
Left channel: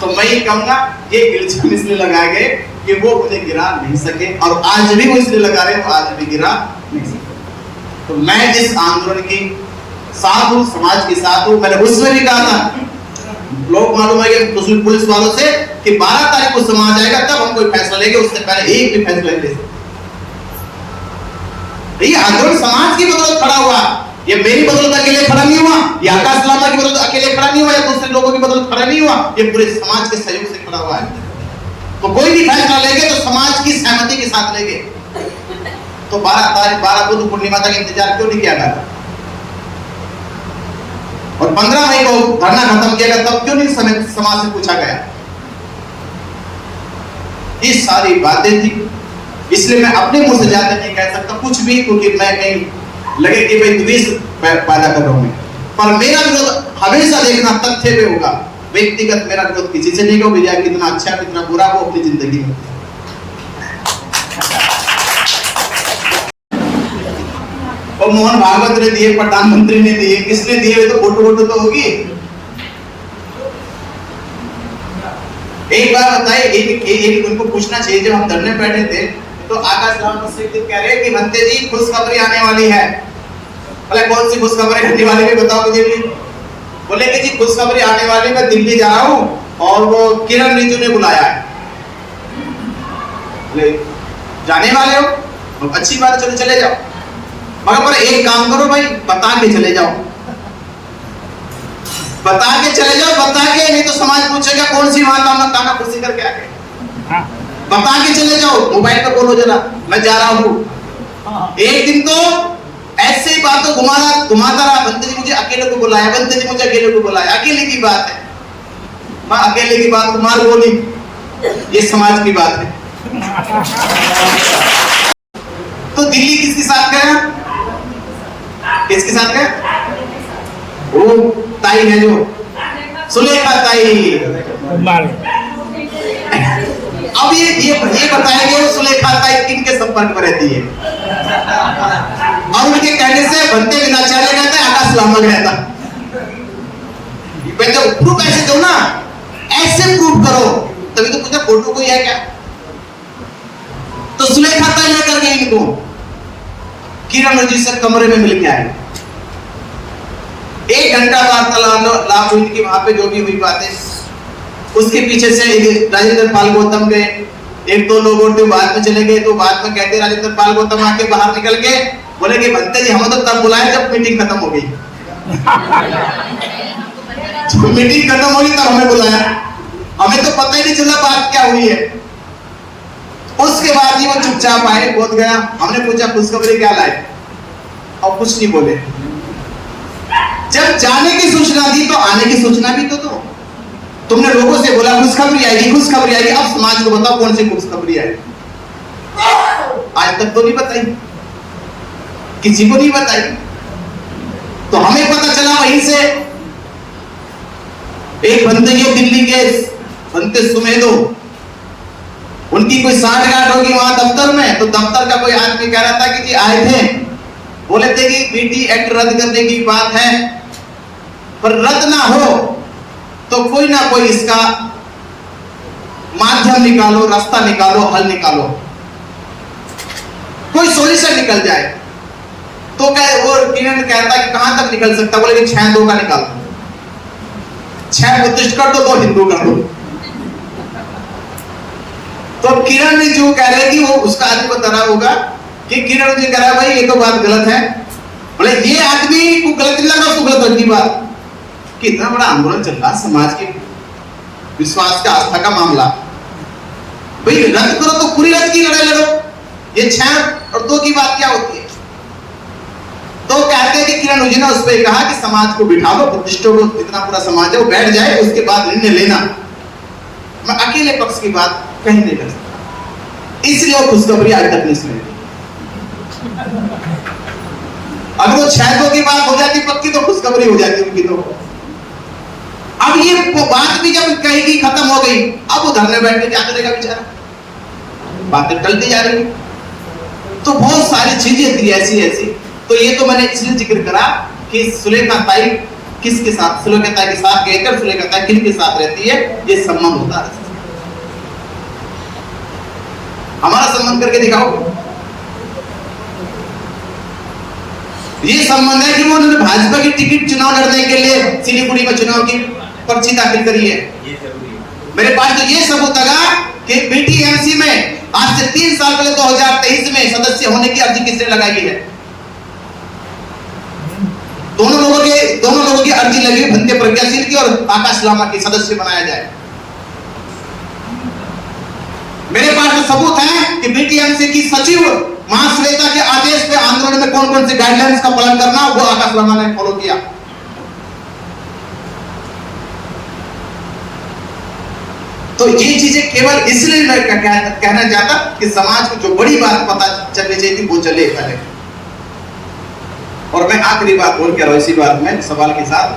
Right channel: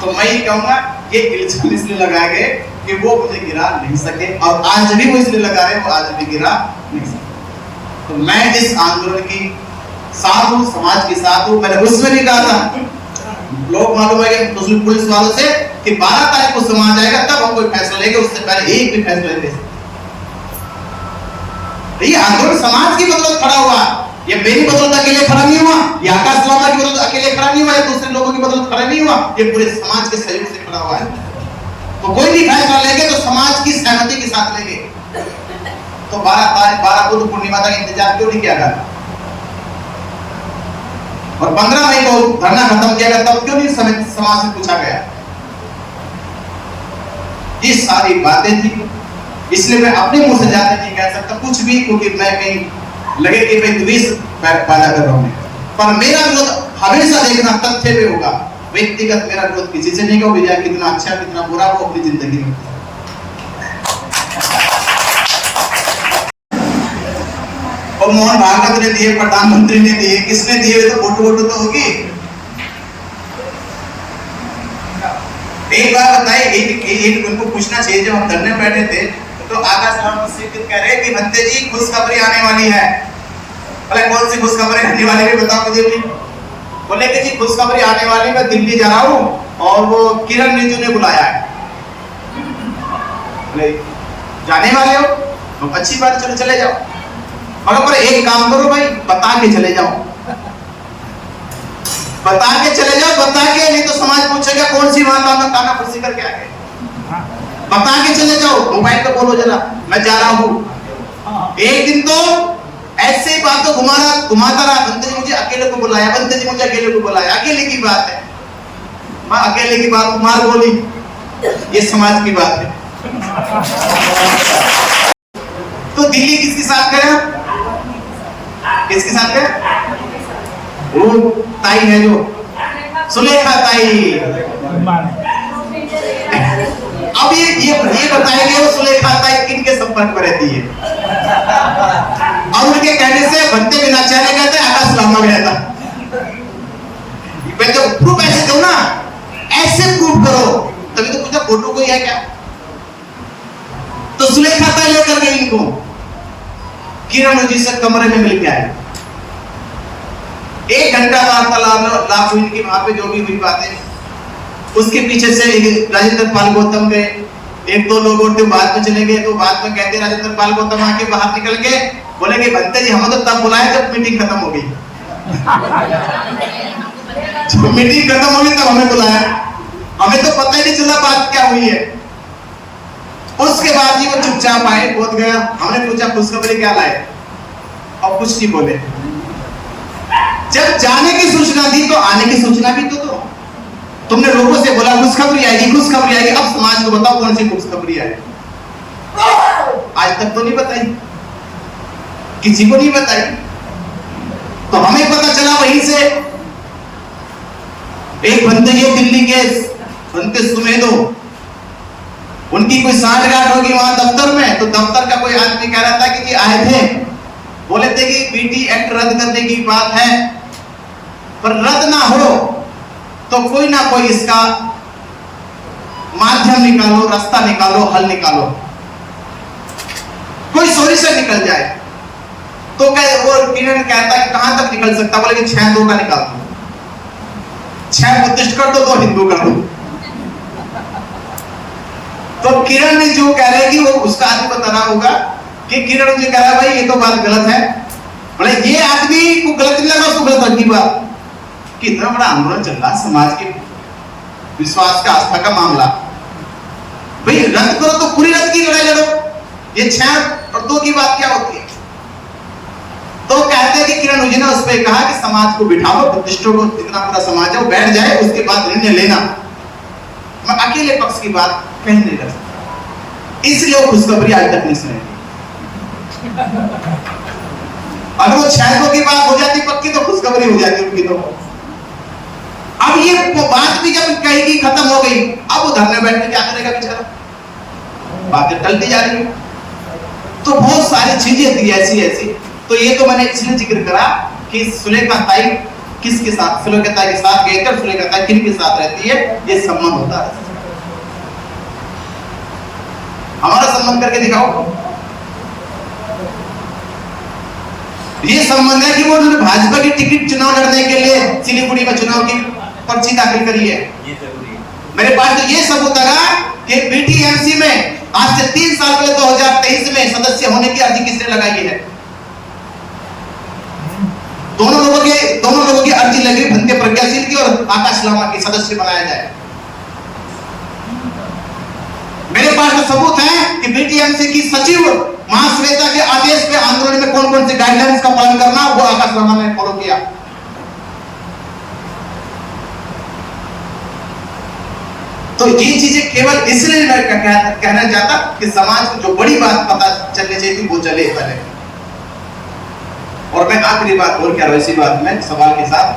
तो मैं ये कहूंगा ये इल्जाम इसलिए लगाए गए कि वो मुझे गिरा नहीं सके, और आज भी वो इसलिए लगा रहे तो आज भी गिरा नहीं सके। तो मैं इस आंदोलन की साथ हूं, समाज के साथ हूं। मैंने उस समय भी कहा था, लोग मालूम है कि पुलिस वालों से कि 12 तारीख को समाज आएगा तब हम कोई फैसला लेंगे, उससे पहले एक भी फैसला नहीं ले सकते। ये आंदोलन समाज की बदौलत खड़ा हुआ, ये मेरी बदौलत अकेले खड़ा नहीं हुआ, ये आकाश लामा की बदौलत अकेले खड़ा नहीं हुआ, या दूसरे लोगों की बदौलत खड़ा नहीं हुआ, ये पूरे समाज के सहयोग से खड़ा हुआ है। तो कोई भी फैसला लेंगे तो समाज की सहमति के साथ लेंगे। तो 12 बुद्ध पूर्णिमा तक इंतजार क्यों नहीं किया गया, और 15 मई को धरना खत्म किया गया, तब क्यों नहीं समाज से पूछा गया? ये सारी बातें थी, इसलिए मैं अपने मुंह से ज्यादा नहीं कह सकता कुछ भी, क्योंकि मैं कहीं लगे कि मैं द्वेष पैदा कर रहा हूं। पर मेरा विरोध हमेशा देखना तथ्य पे होगा, व्यक्तिगत मेरा विरोध किसी से नहीं होगा, कितना अच्छा कितना बुरा वो अपनी जिंदगी में। और मोहन भागवत ने दिए, प्रधानमंत्री ने दिए, किसने दिए? तो फोटो तो होगी। एक बार बताइए, एक उनको पूछना चाहिए, जब हम धरने बैठे थे तो आकाश राम से कह रहे कि भंते जी खुशखबरी आने वाली है। बोले कौन सी खुशखबरी आने वाली है बताओ मुझे भी। बोले कि जी खुशखबरी आने वाली, मैं दिल्ली जा रहा हूँ और वो किरण रिजिजू ने बुलाया है। बोले जाने वाले हो? तो अच्छी बात, चलो चले जाओ, मगर पर एक काम करो भाई, बता के चले जाओ, बता के चले जाओ, बता के, नहीं तो समाज पूछेगा कौन सी बात में काना फुर्सी करके आ गए। बता के चले जाओ, मोबाइल पे बोलो जरा मैं जा रहा हूँ। एक दिन तो ऐसे ही बातों घुमाता रहा, बंदे जी मुझे अकेले को बुलाया, बंदे जी मुझे अकेले को बुलाया, अकेले की बात है, मैं अकेले की बात कुमार बोली, ये समाज की बात है। तो दिल्ली किसके साथ गया? किसके साथ गया? वो ताई है जो सुलेखा ताई। अब ये बताएंगे वो सुलेखा ताई किनके संपर्क में रहती है, और उनके कहने से बनते विनाचार्य कहते हैं आकाश लामा रहता। जब प्रूफ ऐसे दो ना, ऐसे प्रूफ करो, तभी तो पूछा फोटो कोई है क्या? तो सुलेखा ताई लेकर गई इनको, किरण जी से कमरे में मिल गया है, 1 घंटा वार्तालाप हुई कि वहां पे जो भी हुई बातें। उसके पीछे से राजेंद्र पाल गौतम गए, 1-2 लोग और बाद में चले गए, तो बाद में कहते राजेंद्र पाल गौतम आके बाहर निकल के बोले कि भंते जी हम तो तब बुलाए जब मीटिंग खत्म हो गई। जब मीटिंग खत्म हो गई तब हमें बुलाया, हमें तो पता ही नहीं चला बात क्या हुई है। उसके बाद जी वो चुपचाप आए, बोध गया, हमने पूछा खुशखबरी क्या लाए, और कुछ नहीं बोले। जब जाने की सूचना दी तो आने की सूचना भी तो दो। तुमने लोगों से बोला खुशखबरी आएगी, खुशखबरी आएगी, अब समाज को बताओ कौन सी खुशखबरी आई? आज तक तो नहीं बताई, किसी को नहीं बताई। तो हमें पता चला वहीं से, एक बंदे ये दिल्ली के बनते सुमेदो, उनकी कोई सांठगांठ होगी वहां दफ्तर में, तो दफ्तर का कोई आदमी कह रहा था कि जी आए थे, बोले थे कि बीटी एक्ट रद्द करने की बात है, पर रद्द ना हो तो कोई ना कोई इसका माध्यम निकालो, रास्ता निकालो, हल निकालो, कोई सोल्यूशन निकल जाए। तो वो किरण कहता है कहां तक निकल सकता? बोले कि 6-2 का निकाल दो, 6 बुद्धिस्ट कर दो, 2 हिंदू कर दो। तो किरण ने जो कह रहे कि वो उसका आदमी को तना होगा कि किरण जी कह रहा है भाई ये तो बात गलत है। बोले ये आदमी को गलत नहीं लगा, उसको गलत लगी बात। कितना बड़ा आंदोलन चल रहा समाज के विश्वास का, आस्था का मामला, भाई रद्द करो तो पूरी रद्द की लड़ाई लड़ो, ये 6 और 2 की बात क्या होती है? तो कहते हैं कि किरण जी ने उस पर कहा कि समाज को बिठा लो, बुद्धिस्टों को जितना पूरा समाज है वो बैठ जाए, उसके बाद निर्णय लेना। मैं अकेले पक्ष की बात कहीं नहीं कर सकता, इसलिए वो खुशखबरी आज तक नहीं सुनी। अगर वो 6 की बात हो जाती पक्की तो खुशखबरी हो जाती उनकी। तो अब ये बात भी जब कहेगी खत्म हो गई, अब वो धरने बैठने क्या करेगा बेचारा, बातें टलती जा रही। तो बहुत सारी चीजें थी ऐसी ऐसी। तो ये तो मैंने इसलिए जिक्र करा कि सुलेखा ताई किसके साथ, सुलेखा ताई के साथ रहकर सुलेखा ताई किन के साथ रहती है, ये संबंध होता है। हमारा संबंध करके दिखाओ। ये संबंध है कि वो उन्होंने भाजपा की टिकट चुनाव लड़ने के लिए सिलीगुड़ी में चुनाव की पर्ची दाखिल करी है। मेरे पास तो ये सबूत लगा कि बीटीएमसी में आज से 3 साल पहले 2023 में सदस्य होने की अर्जी किसने लगाई है? दोनों लोगों की अर्जी लगी, भंते प्रज्ञाशील की और आकाश लामा की, सदस्य बनाया जाए। मेरे पास जो सबूत है कि बीटीएमसी की सचिव महाश्वेता के आदेश पे आंदोलन में कौन कौन से गाइडलाइंस का पालन करना वो आकाश लामा ने फॉलो किया। तो ये चीजें केवल इसलिए कहना चाहता कि समाज को जो बड़ी बात पता चलनी चाहिए वो चले पहले। और मैं आखिरी बात बोल के इसी बात में सवाल के साथ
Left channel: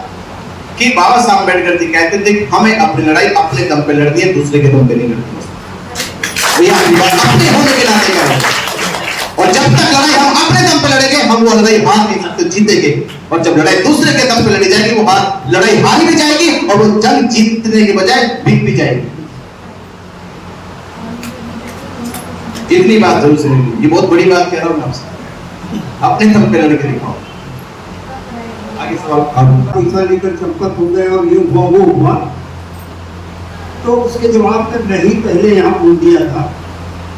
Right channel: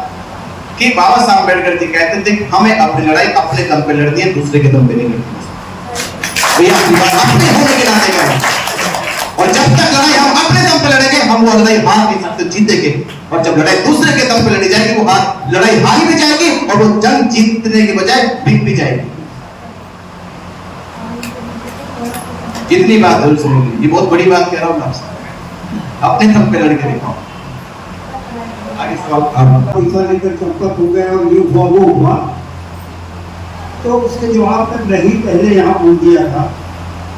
कि बाबा साहब अम्बेडकर जी कहते थे कि हमें अपनी लड़ाई अपने दम पे लड़नी है, दूसरे के दम पे नहीं लड़नी। अपने होने के नाते का, और जब तक लड़ाई हम अपने दम पे लड़ेंगे हम वो लड़ाई हार नहीं सकते, जीतेंगे। और जब लड़ाई दूसरे के दम पे लड़ी जाएगी वो लड़ाई हारी भी जाएगी और वो जंग जीतने के बजाय बिक भी जाएगी। इतनी बात जरूर सुनिए, ये बहुत बड़ी बात कह रहा हूं मैं आपसे, अपने दम पे लड़के दिखाओ। आगे सवाल। पैसा लेकर चंपत हो गए और ये हुआ वो हुआ, तो उसके जवाब में नहीं पहले यहाँ बोल दिया था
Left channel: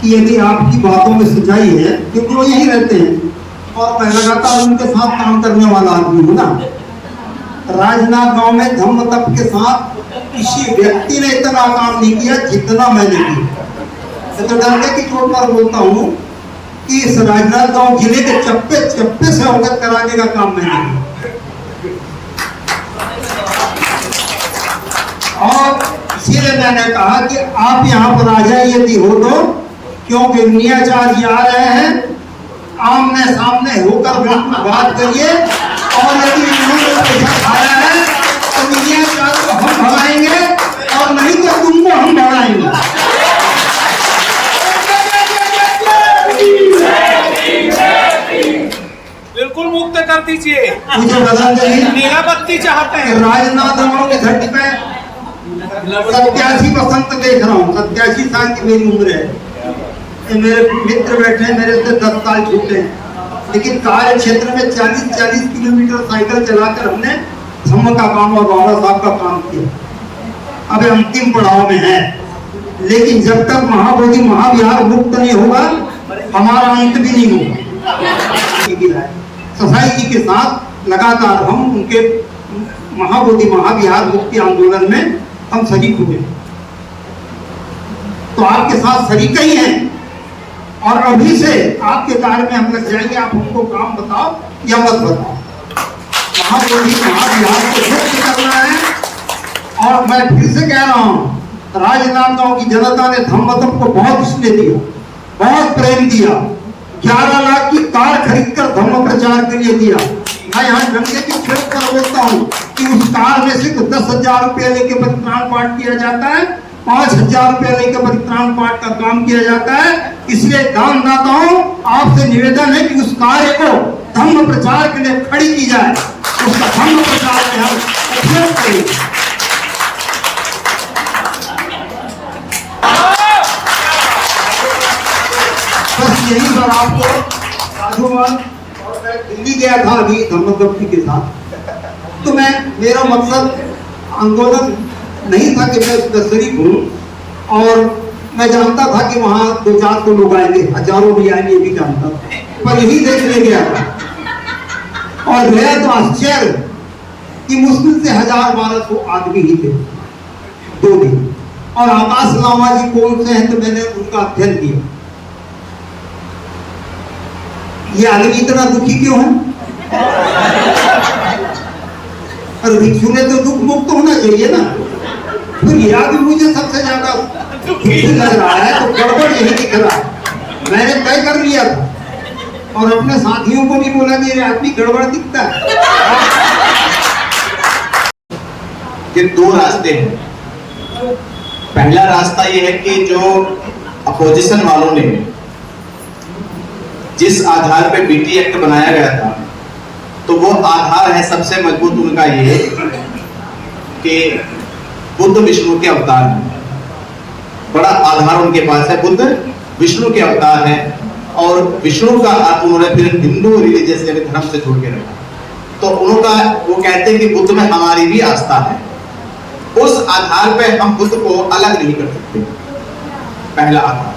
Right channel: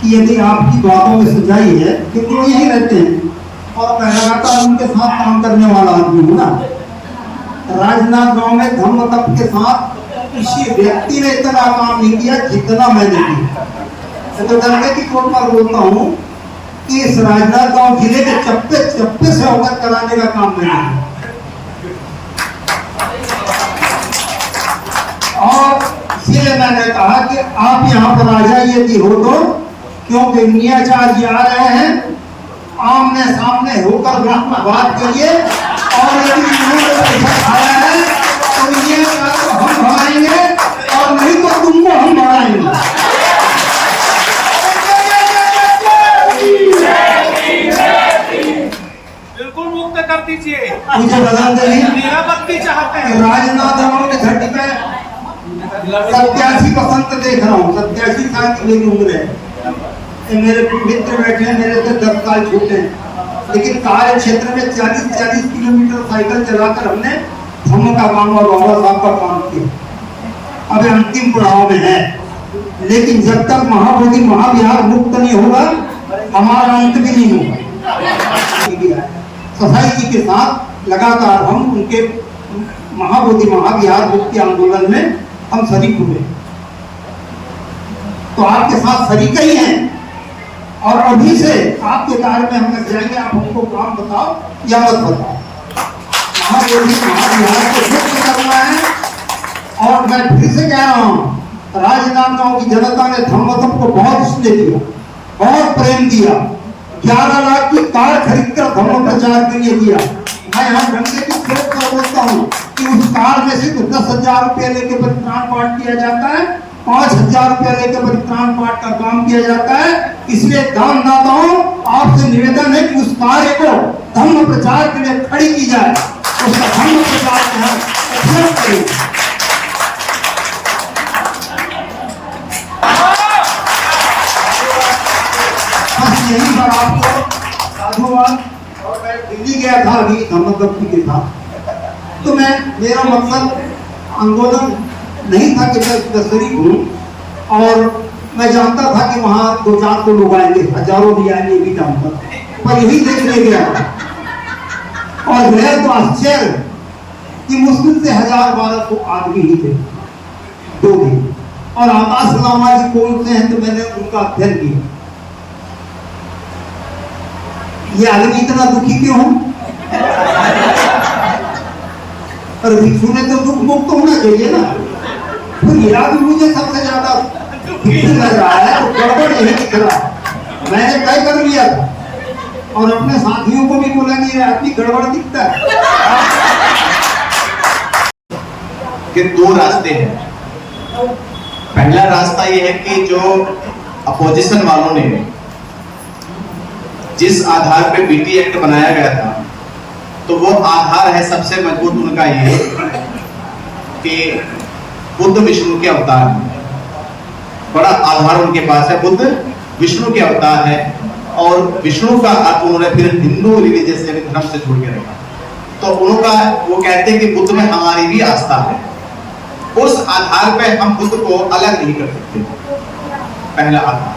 कि यदि आपकी बातों में सच्चाई है, क्योंकि वो यही रहते हैं और मैं लगातार उनके साथ काम करने वाला आदमी हूँ ना। राजनाथ गांव में धम्म तप के साथ किसी व्यक्ति ने इतना काम नहीं किया जितना मैंने किया। तो डरने की चोट पर बोलता हूँ कि इस राजनाथ गांव जिले के चप्पे चप्पे से अवगत कराने का काम मैंने किया। और इसीलिए मैंने कहा कि आप यहाँ पर आ जाए यदि हो तो, क्योंकि मियाँचार्य आ रहे हैं, आमने सामने होकर बात करिए। और यदि पैसा खा रहे हैं तो मियाँचार्य को हम भगाएंगे और नहीं तो तुमको हम भगाएंगे। बिल्कुल मुक्त कर दीजिए। मुझे बता दें, निरापत्ति चाहते हैं। राजनाथ गांव के घाटी पे 87 बसंत देख रहा हूँ। 87 साल की मेरी उम्र है। मेरे मित्र बैठे हैं, मेरे से 10 साल छोटे हैं, लेकिन कार्य क्षेत्र में 40-40 किलोमीटर साइकिल चलाकर हमने धम्म का काम और बाबा साहब का काम किया। अब अंतिम पड़ाव में है, लेकिन जब तक महाबोधि महाविहार मुक्त नहीं होगा हमारा अंत भी नहीं होगा। सफाई जी के साथ लगातार हम उनके महाबोधि महाविहार मुक्ति आंदोलन में हम शरीक हुए, तो आपके साथ शरीक ही हैं। और अभी से आपके कार्य में हम लग जाएंगे। आप हमको काम बताओ या मत बताओ, महाबोधि महाविहार को मुक्त करना है। और मैं फिर से कह रहा हूँ, राजनाथ गांव की जनता ने धम्मतम को बहुत स्नेह दिया, बहुत प्रेम दिया। 11 लाख की कार खरीदकर धम्म प्रचार के लिए दिया। मैं यहाँ झंडे की प्रेस कर बोलता हूँ कि उस कार में सिर्फ 10,000 रुपये लेके परित्राण पाठ किया जाता है, 5,000 रुपये लेके परित्राण पाठ का काम किया जाता है। इसलिए दानदाताओं आपसे निवेदन है कि उस कार्य को धम्म प्रचार के लिए खड़ी की जाए, उसका धम्म प्रचार में हम उपयोग करें। यही बात आपको साधुवाद। और मैं दिल्ली गया था अभी धम्मदत्ती के साथ, तो मेरा मकसद आंदोलन नहीं था कि मैं इसका शरीक हूँ। और मैं जानता था कि वहाँ 2-4 तो लोग आएंगे, हजारों भी आएंगे, ये भी जानता था, पर यही देखने गया और गया तो आश्चर्य कि मुश्किल से 1000-1200 आदमी ही थे 2 दिन। और आकाश लामा जी कौन से हैं तो मैंने उनका अध्ययन किया। ये आदमी इतना दुखी क्यों है? और भिक्षु ने तो दुख मुक्त होना चाहिए ना। तो ये आदमी मुझे सबसे ज्यादा दुखी लग रहा है, तो गड़बड़ यही दिख रहा है। मैंने तय कर लिया था और अपने साथियों को भी बोला कि ये आदमी गड़बड़ दिखता है। कि दो रास्ते हैं। पहला रास्ता ये है कि जो अपोजिशन वालों ने जिस आधार पे बीटी एक्ट बनाया गया था, तो वो आधार है सबसे मजबूत उनका ये कि बुद्ध विष्णु के अवतार हैं। बड़ा आधार उनके पास है, बुद्ध विष्णु के अवतार है और विष्णु का अर्थ उन्होंने फिर हिंदू रिलीजियस धर्म से जोड़ के रखा। तो उनका वो कहते हैं कि बुद्ध में हमारी भी आस्था है, उस आधार पर हम बुद्ध को अलग नहीं कर सकते। पहला आधार।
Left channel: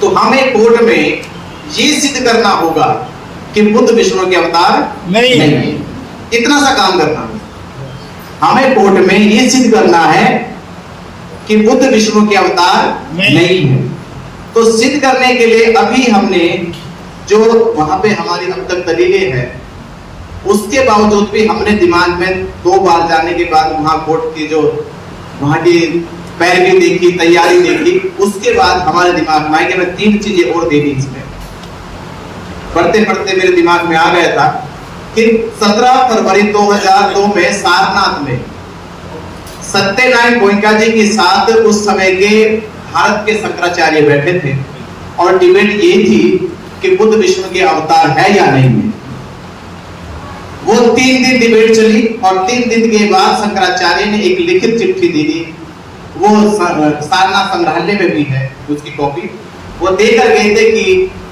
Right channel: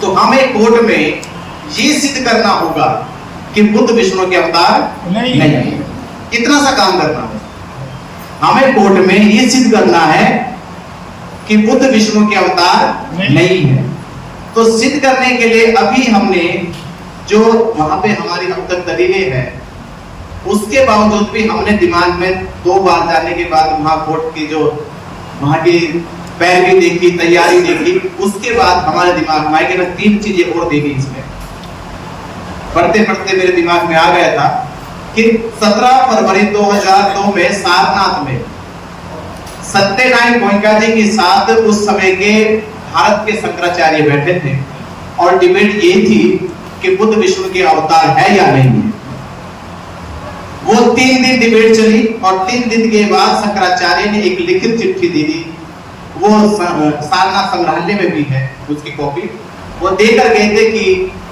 तो हमें कोर्ट में ये सिद्ध करना होगा कि बुद्ध विष्णु के अवतार नहीं है। इतना सा काम करना है हमें। कोर्ट में ये सिद्ध करना है कि बुद्ध विष्णु के अवतार नहीं है। तो सिद्ध करने के लिए अभी हमने जो वहां पे हमारी अब तक दलीलें हैं, उसके बावजूद भी हमने दिमाग में 2 बार जाने के बाद वहां कोर्ट की जो वहां की पैरवी देखी, तैयारी देखी, उसके बाद हमारे दिमाग में आया कि मैं 3 चीजें और दे दी इसमें। पढ़ते पढ़ते मेरे दिमाग में आ गया था कि 17 फरवरी 2002 में सारनाथ में सत्यनारायण गोयनका जी के साथ उस समय के भारत के शंकराचार्य बैठे थे और डिबेट ये थी कि बुद्ध विष्णु के अवतार है या नहीं है। वो 3 दिन डिबेट चली और 3 दिन के बाद शंकराचार्य ने एक लिखित चिट्ठी दे दी। वो सारनाथ संग्रहालय में भी है उसकी कॉपी। वो देकर गए थे कि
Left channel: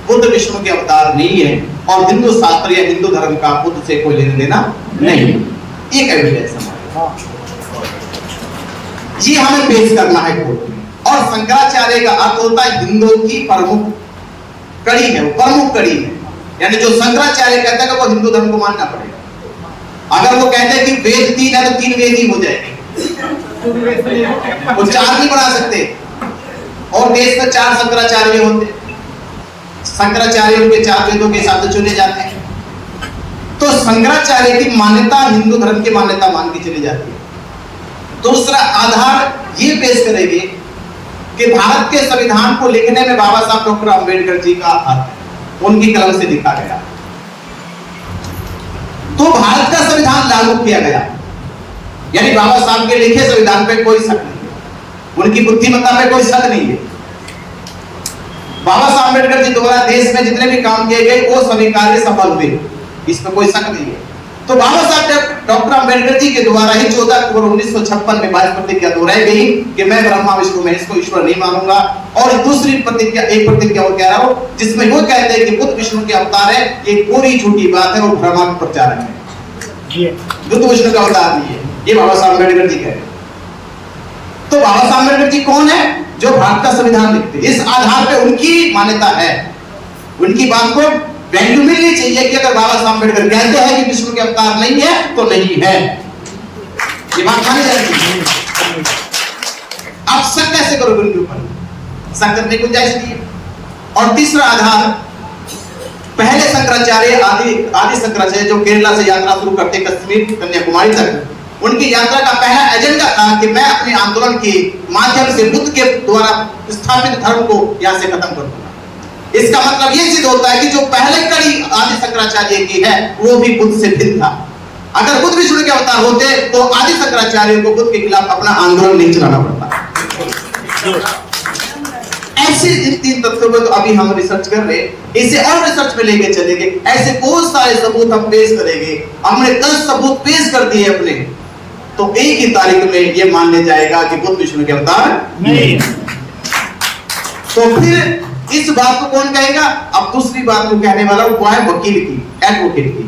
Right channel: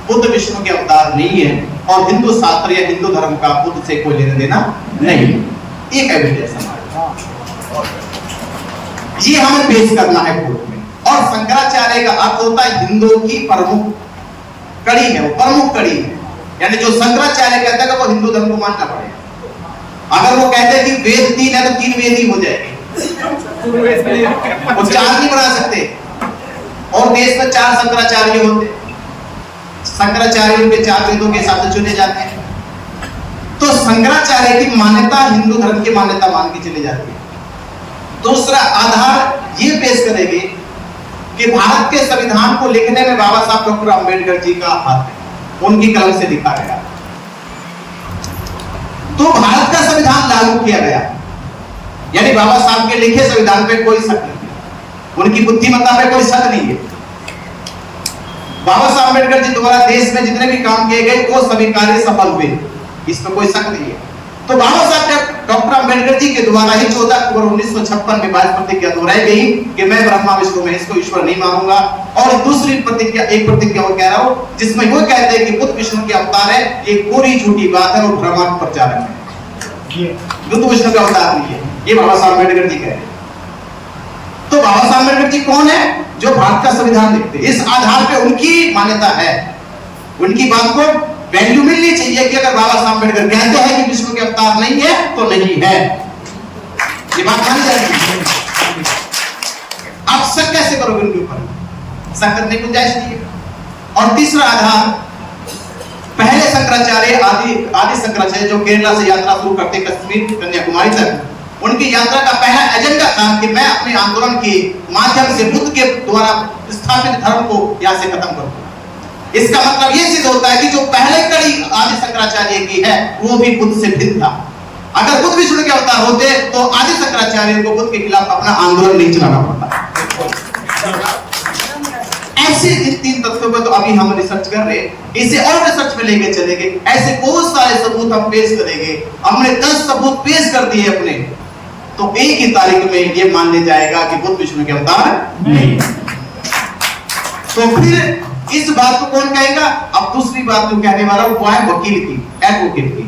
बुद्ध विष्णु के अवतार नहीं है और हिंदू शास्त्र या हिंदू धर्म का बुद्ध से कोई लेना देना नहीं। एक एविडेंस ये हमें पेश करना है कोर्ट में। और शंकराचार्य का अर्थ होता है हिंदुओं की प्रमुख कड़ी है, प्रमुख कड़ी है। यानी जो शंकराचार्य कहता है वो हिंदू धर्म को मानना पड़ेगा। अगर वो कहते हैं कि वेद 3 है तो 3 वेद ही हो जाएंगे, वो 4 नहीं बना सकते। और देश में 4 शंकराचार्य होते, शंकराचार्य के 4 वेदों के हिसाब से चुने जाते हैं। तो शंकराचार्य की मान्यता हिंदू धर्म की मान्यता मान के चली जाती है। दूसरा आधार ये पेश करेंगे कि भारत के संविधान को लिखने में बाबा साहब डॉक्टर अंबेडकर जी का हाथ है, उनकी कलम से लिखा गया। तो भारत का संविधान लागू किया गया, यानी बाबा साहब के लिखे संविधान पे कोई शक नहीं है, उनकी बुद्धिमत्ता पे कोई शक नहीं है। बाबा साहब अंबेडकर जी द्वारा देश में जितने भी काम किए गए वो सभी कार्य सफल हुए, इसमें कोई शक नहीं है। तो बाबा साहब डॉक्टर अंबेडकर जी के द्वारा ही 14 अक्टूबर 1956 में 22 प्रतिज्ञा दोहराई गई कि मैं ब्रह्मा विष्णु महेश को ईश्वर नहीं मानूंगा। और दूसरी प्रतिज्ञा, एक प्रतिज्ञा और कह रहा हूं जिसमें वो कहते हैं कि बुद्ध विष्णु के अवतार है, ये पूरी झूठी बात है और भ्रम प्रचार है, बुद्ध विष्णु का अवतार नहीं है। ये बाबा साहब अम्बेडकर जी कहते हैं। तो बाबा साहब अम्बेडकर जी कौन है? जो भारत का संविधान लिखते हैं। इस आधार पर उनकी मान्यता है, उनकी बात को वैल्यू मिलनी चाहिए कि अगर बाबा साहब अम्बेडकर कहते हैं कि विष्णु के अवतार नहीं है तो नहीं है, ये बात मानी जाएगी। आप शक कैसे करोगे उनके ऊपर? शक करने की गुंजाइश नहीं। और तीसरा आधार, पहले शंकराचार्य आदि शंकराचार्य जो केरला से यात्रा शुरू करते कश्मीर कन्याकुमारी तक, उनकी यात्रा का पहला एजेंडा था कि मैं अपने आंदोलन के माध्यम से बुद्ध के द्वारा स्थापित धर्म को यहाँ से खत्म करूं। इसका मतलब ये सिद्ध होता है कि जो पहले कड़ी आदि शंकराचार्य की है वो भी बुद्ध से भिन्न था। अगर बुद्ध विष्णु के अवतार होते तो आदि शंकराचार्य को बुद्ध के खिलाफ अपना आंदोलन नहीं चलाना पड़ता। ऐसे 3 तथ्यों पर तो अभी हम रिसर्च कर रहे हैं, इसे और रिसर्च में लेके चलेंगे। ऐसे बहुत सारे सबूत हम पेश करेंगे। हमने 10 सबूत पेश कर दिए अपने, तो एक ही तारीख में ये मानने जाएगा कि बुद्ध विष्णु के अवतार नहीं। तो फिर इस बात को कौन कहेगा? अब दूसरी बात को कहने वाला वो है वकील की, एडवोकेट की।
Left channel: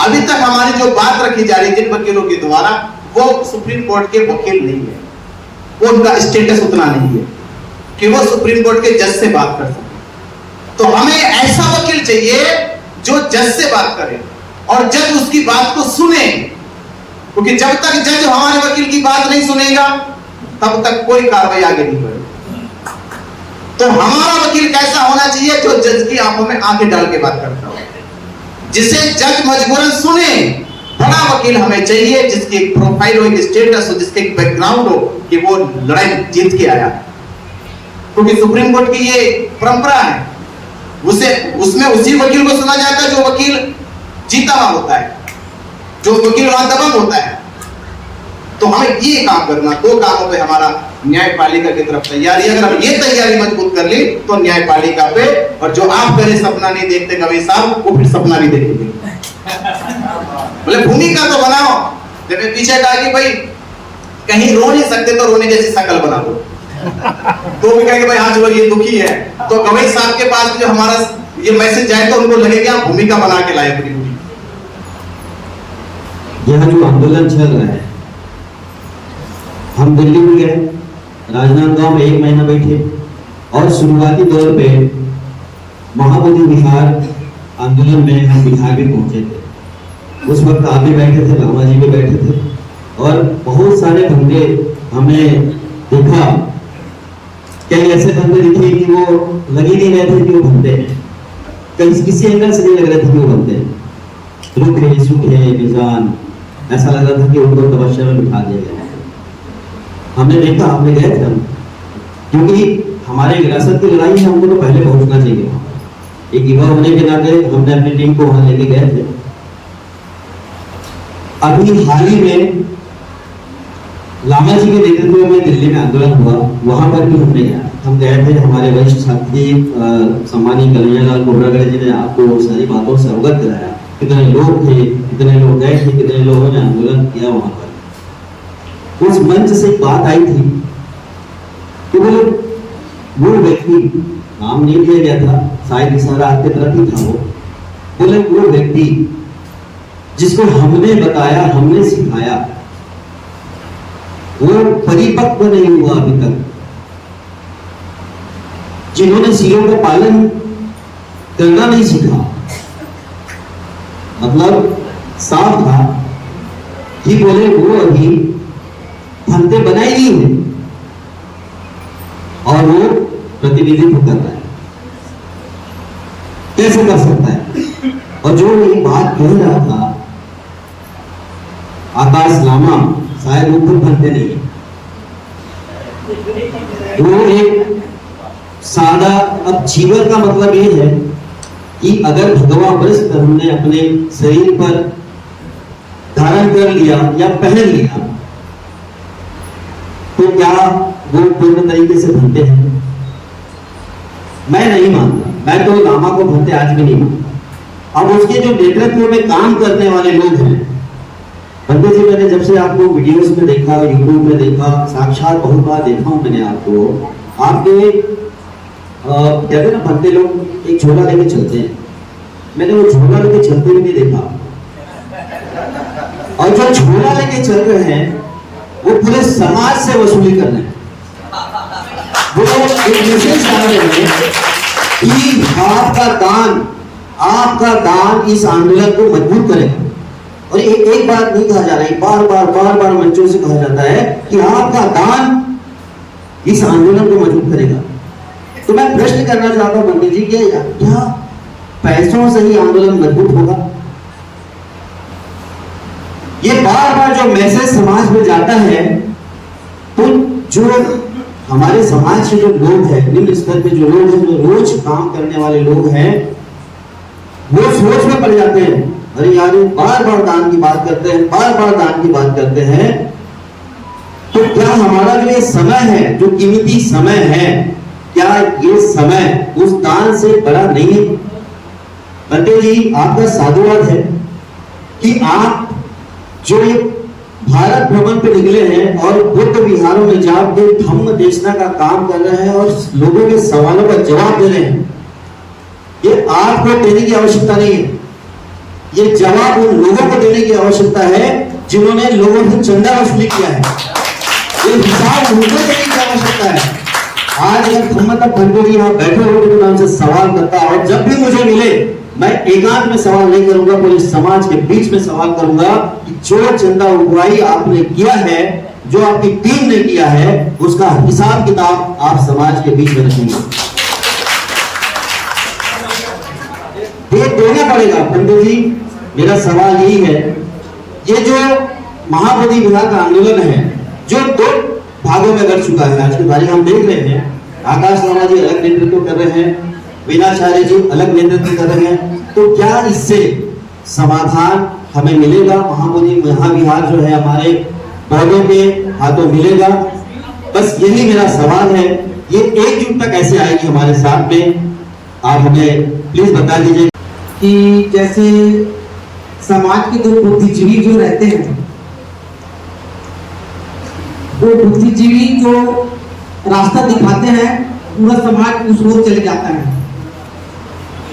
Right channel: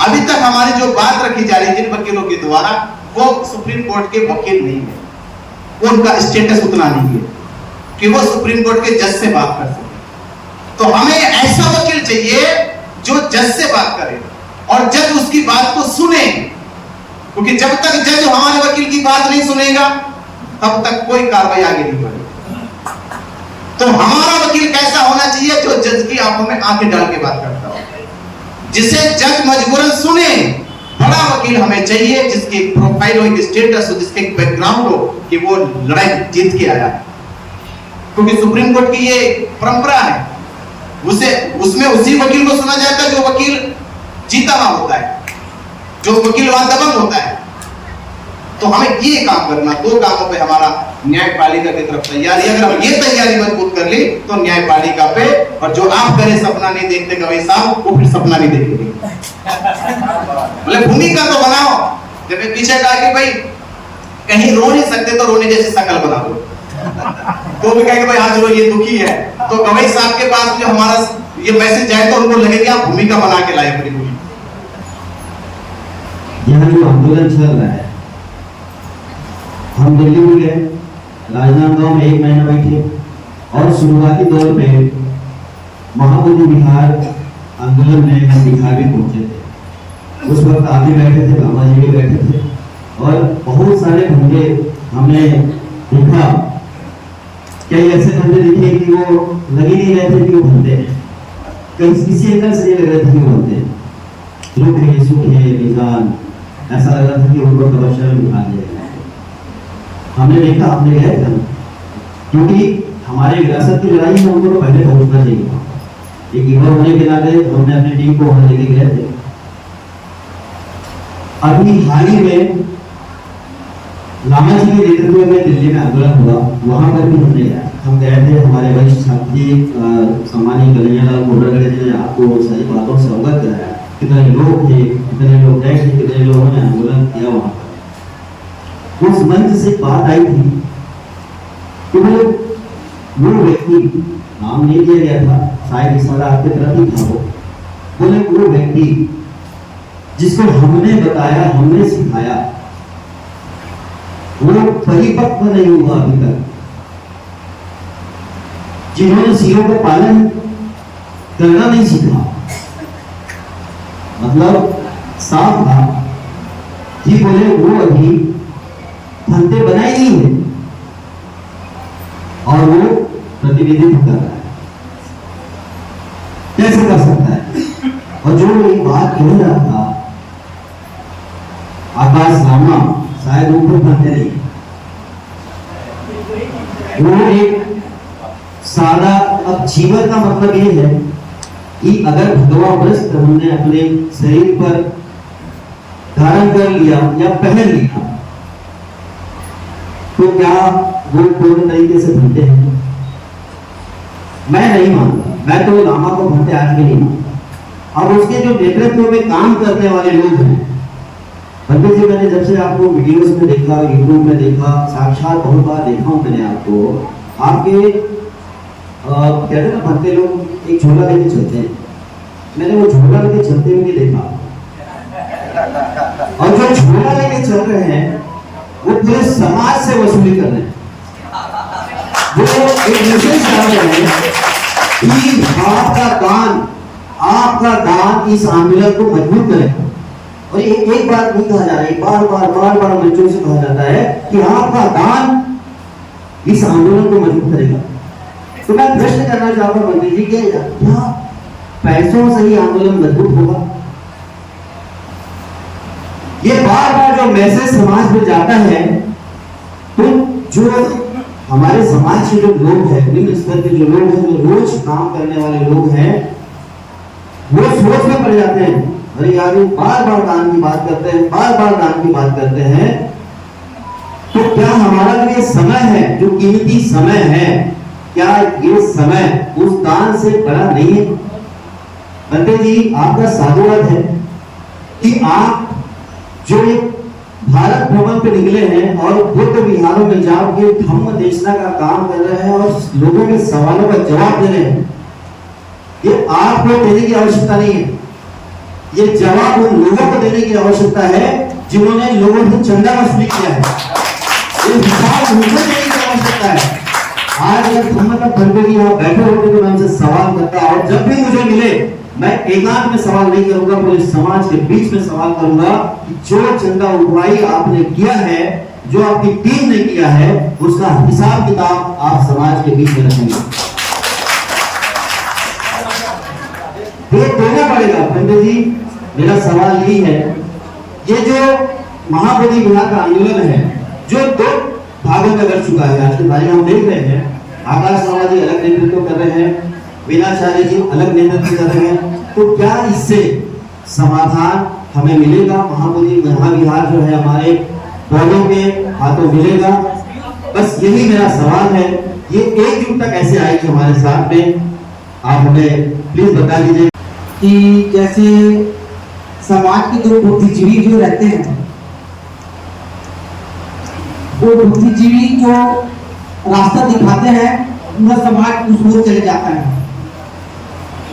अभी तक हमारी जो बात रखी जा रही है जिन वकीलों के द्वारा, वो सुप्रीम कोर्ट के वकील नहीं है, वो उनका स्टेटस उतना नहीं है कि वो सुप्रीम कोर्ट के जज से बात कर सके। तो हमें ऐसा वकील चाहिए जो जज से बात करे और जज उसकी बात को सुने, क्योंकि जब तक जज हमारे वकील की बात नहीं सुनेगा तब तक कोई कार्रवाई आगे नहीं बढ़ी। तो हमारा वकील कैसा होना चाहिए? जो जज की आंखों में आंखें डाल के बात करता हो, जिसे जज मजबूरन सुने। बड़ा वकील हमें चाहिए जिसकी एक प्रोफाइल हो, एक स्टेटस हो, जिसके एक बैकग्राउंड हो कि वो लड़ाई जीत के आया। क्योंकि सुप्रीम कोर्ट की ये परंपरा है, उसमें उसी वकील को सुना जाता है जो वकील जीता हुआ होता है, जो वकील वहां दबंग होता है। तो हमें ये काम करना, दो कामों पे हमारा न्यायपालिका की तरफ तैयारी है। अगर हम ये तैयारी मजबूत कर ली तो न्यायपालिका पे, और जो आप करे सपना नहीं देखते कभी साहब, वो फिर सपना नहीं देखेंगे। मतलब भूमिका तो बनाओ, जब पीछे कहा कि भाई कहीं रो नहीं सकते तो रोने जैसी शकल बना दो, तो भी कहेंगे भाई हाँ जो ये दुखी है, तो गवई साहब के पास जो हमारा ये मैसेज जाए तो उनको लगे कि आप भूमिका बना के लाए। यह जो आंदोलन चल रहा है, हम दिल्ली में गए, राजनांदगांव में 1 महीना बैठे और शुरुआती दौर पे महाबोधि विहार आंदोलन में हम बिहार भी पहुंचे थे। उस वक्त आप भी बैठे थे, लामा जी भी बैठे थे और बहुत सारे धंधे हमने देखा। कई ऐसे धंधे दिखे कि वो लग ही नहीं रहे थे कि वो धंधे हैं, कहीं किसी एंगल से नहीं लग रहे थे कि वो धंधे हैं। रुक रहे सूखे निजान, ऐसा लग रहा था कि उनको तपस्या में उठा दिया। हमने देखा, हमने गए थे, क्योंकि हमारी विरासत की लड़ाई में हमको तो पहले पहुंचना चाहिए। एक युवा होने के नाते हमने अपनी टीम को वहां लेके गए थे। अभी हाल ही में लामा जी के नेतृत्व में दिल्ली में आंदोलन हुआ, वहां पर भी हमने गया। हम गए थे, हमारे वरिष्ठ साथी सम्मानीय कन्हैयालाल कोर्रागढ़ जी ने आपको सारी बातों से अवगत कराया। कितने लोग थे, कितने लोग गए थे, कितने लोगों ने आंदोलन किया वहां पर। उस मंच से बात आई थी कि वो व्यक्ति, नाम नहीं दिया गया था, शायद इशारा आपके तरफ ही था, बोले वो व्यक्ति जिसको हमने बताया, हमने सिखाया, वो परिपक्व नहीं हुआ अभी तक। जिन्होंने सीओ का पालन करना नहीं सीखा, मतलब साफ था कि बोले वो अभी फंदे बनाई नहीं है और वो प्रतिनिधित्व कर रहा है। कैसे कर सकता है? और जो ये बात कह रहा था आकाश लामा, शायद ऊपर फंदे नहीं, वो एक सादा। अब जीवन का मतलब ये है कि अगर भगवा वस्त्र हमने अपने शरीर पर धारण कर लिया या पहन लिया तो क्या वो पूर्ण तरीके से भंते हैं? मैं नहीं मानता, मैं तो लामा को भंते आज भी नहीं मानता। अब उसके जो नेतृत्व में काम करने वाले लोग हैं, भंते जी, मैंने जब से आपको वीडियोस में देखा, यूट्यूब में देखा, साक्षात बहुत बार देखा हूं मैंने आपको। आपके कहते हैं ना भंते लोग एक झोला लेके चलते हैं, मैंने वो झोला लेके चलते हुए नहीं देखा। और जो झोला लेके चल रहे हैं वो पूरे समाज से वसूली कर रहे हैं। वो एक मैसेज कर रहे हैं कि आपका दान इस आंदोलन को मजबूत करेगा। और एक बात नहीं कहा जा रहा है, बार बार मंचों से कहा जाता है कि आपका दान इस आंदोलन को मजबूत करेगा। तो मैं प्रश्न करना चाहता हूं मोदी जी, क्या पैसों से ही आंदोलन मजबूत होगा? ये बार जो मैसेज समाज में जाता है, तो जो हमारे समाज से जो लोग हैं, निम्न स्तर के जो लोग हैं, जो रोज काम करने वाले लोग हैं, वो सोच में पड़ जाते हैं, अरे यार वो बार दान की बात करते हैं, बार दान की बात करते हैं, तो क्या हमारा जो ये समय है, जो कीमती समय है, क्या ये समय उस दान से बड़ा नहीं है? पंडित जी, आपका साधुवाद है कि आप जो भारत भ्रमण पे निकले हैं और बुद्ध विहारों में जाकर धम्म देशना का काम कर रहे हैं और लोगों के सवालों का जवाब दे रहे हैं। ये आपको देने की आवश्यकता नहीं है, ये जवाब उन लोगों को देने की आवश्यकता है जिन्होंने लोगों से चंदा वसूली किया है। ये हिसाब उनको देने की आवश्यकता है। आज एक धम्म तक भरपूरी यहाँ बैठे होकर मैं उनसे सवाल करता, और जब भी मुझे मिले मैं एकांत में सवाल नहीं करूंगा, पूरे समाज के बीच में सवाल करूंगा कि जो चंदा उठवाई आपने किया है जो आपकी टीम ने किया है उसका हिसाब किताब आप समाज के बीच में रखेंगे। देना पड़ेगा। पंडित जी, मेरा सवाल यही है, ये जो महाबोधि विहार का आंदोलन है जो 2 भागों में लड़ चुका है, आज के तारीख हम देख रहे हैं, आकाश लामा जी अलग नेतृत्व कर रहे हैं, वीणाचार्य जी अलग नेतृत्व कर रहे हैं, तो क्या इससे समाधान हमें मिलेगा? महाबोधि महाविहार जो है हमारे बड़ों के हाथों मिलेगा? बस यही मेरा सवाल है। ये एकजुटता कैसे आएगी हमारे साथ में, आप हमें प्लीज बता दीजिए। कि जैसे समाज के जो बुद्धिजीवी जो रहते हैं, वो बुद्धिजीवी जो रास्ता दिखाते हैं पूरा समाज उस ओर चले जाता है।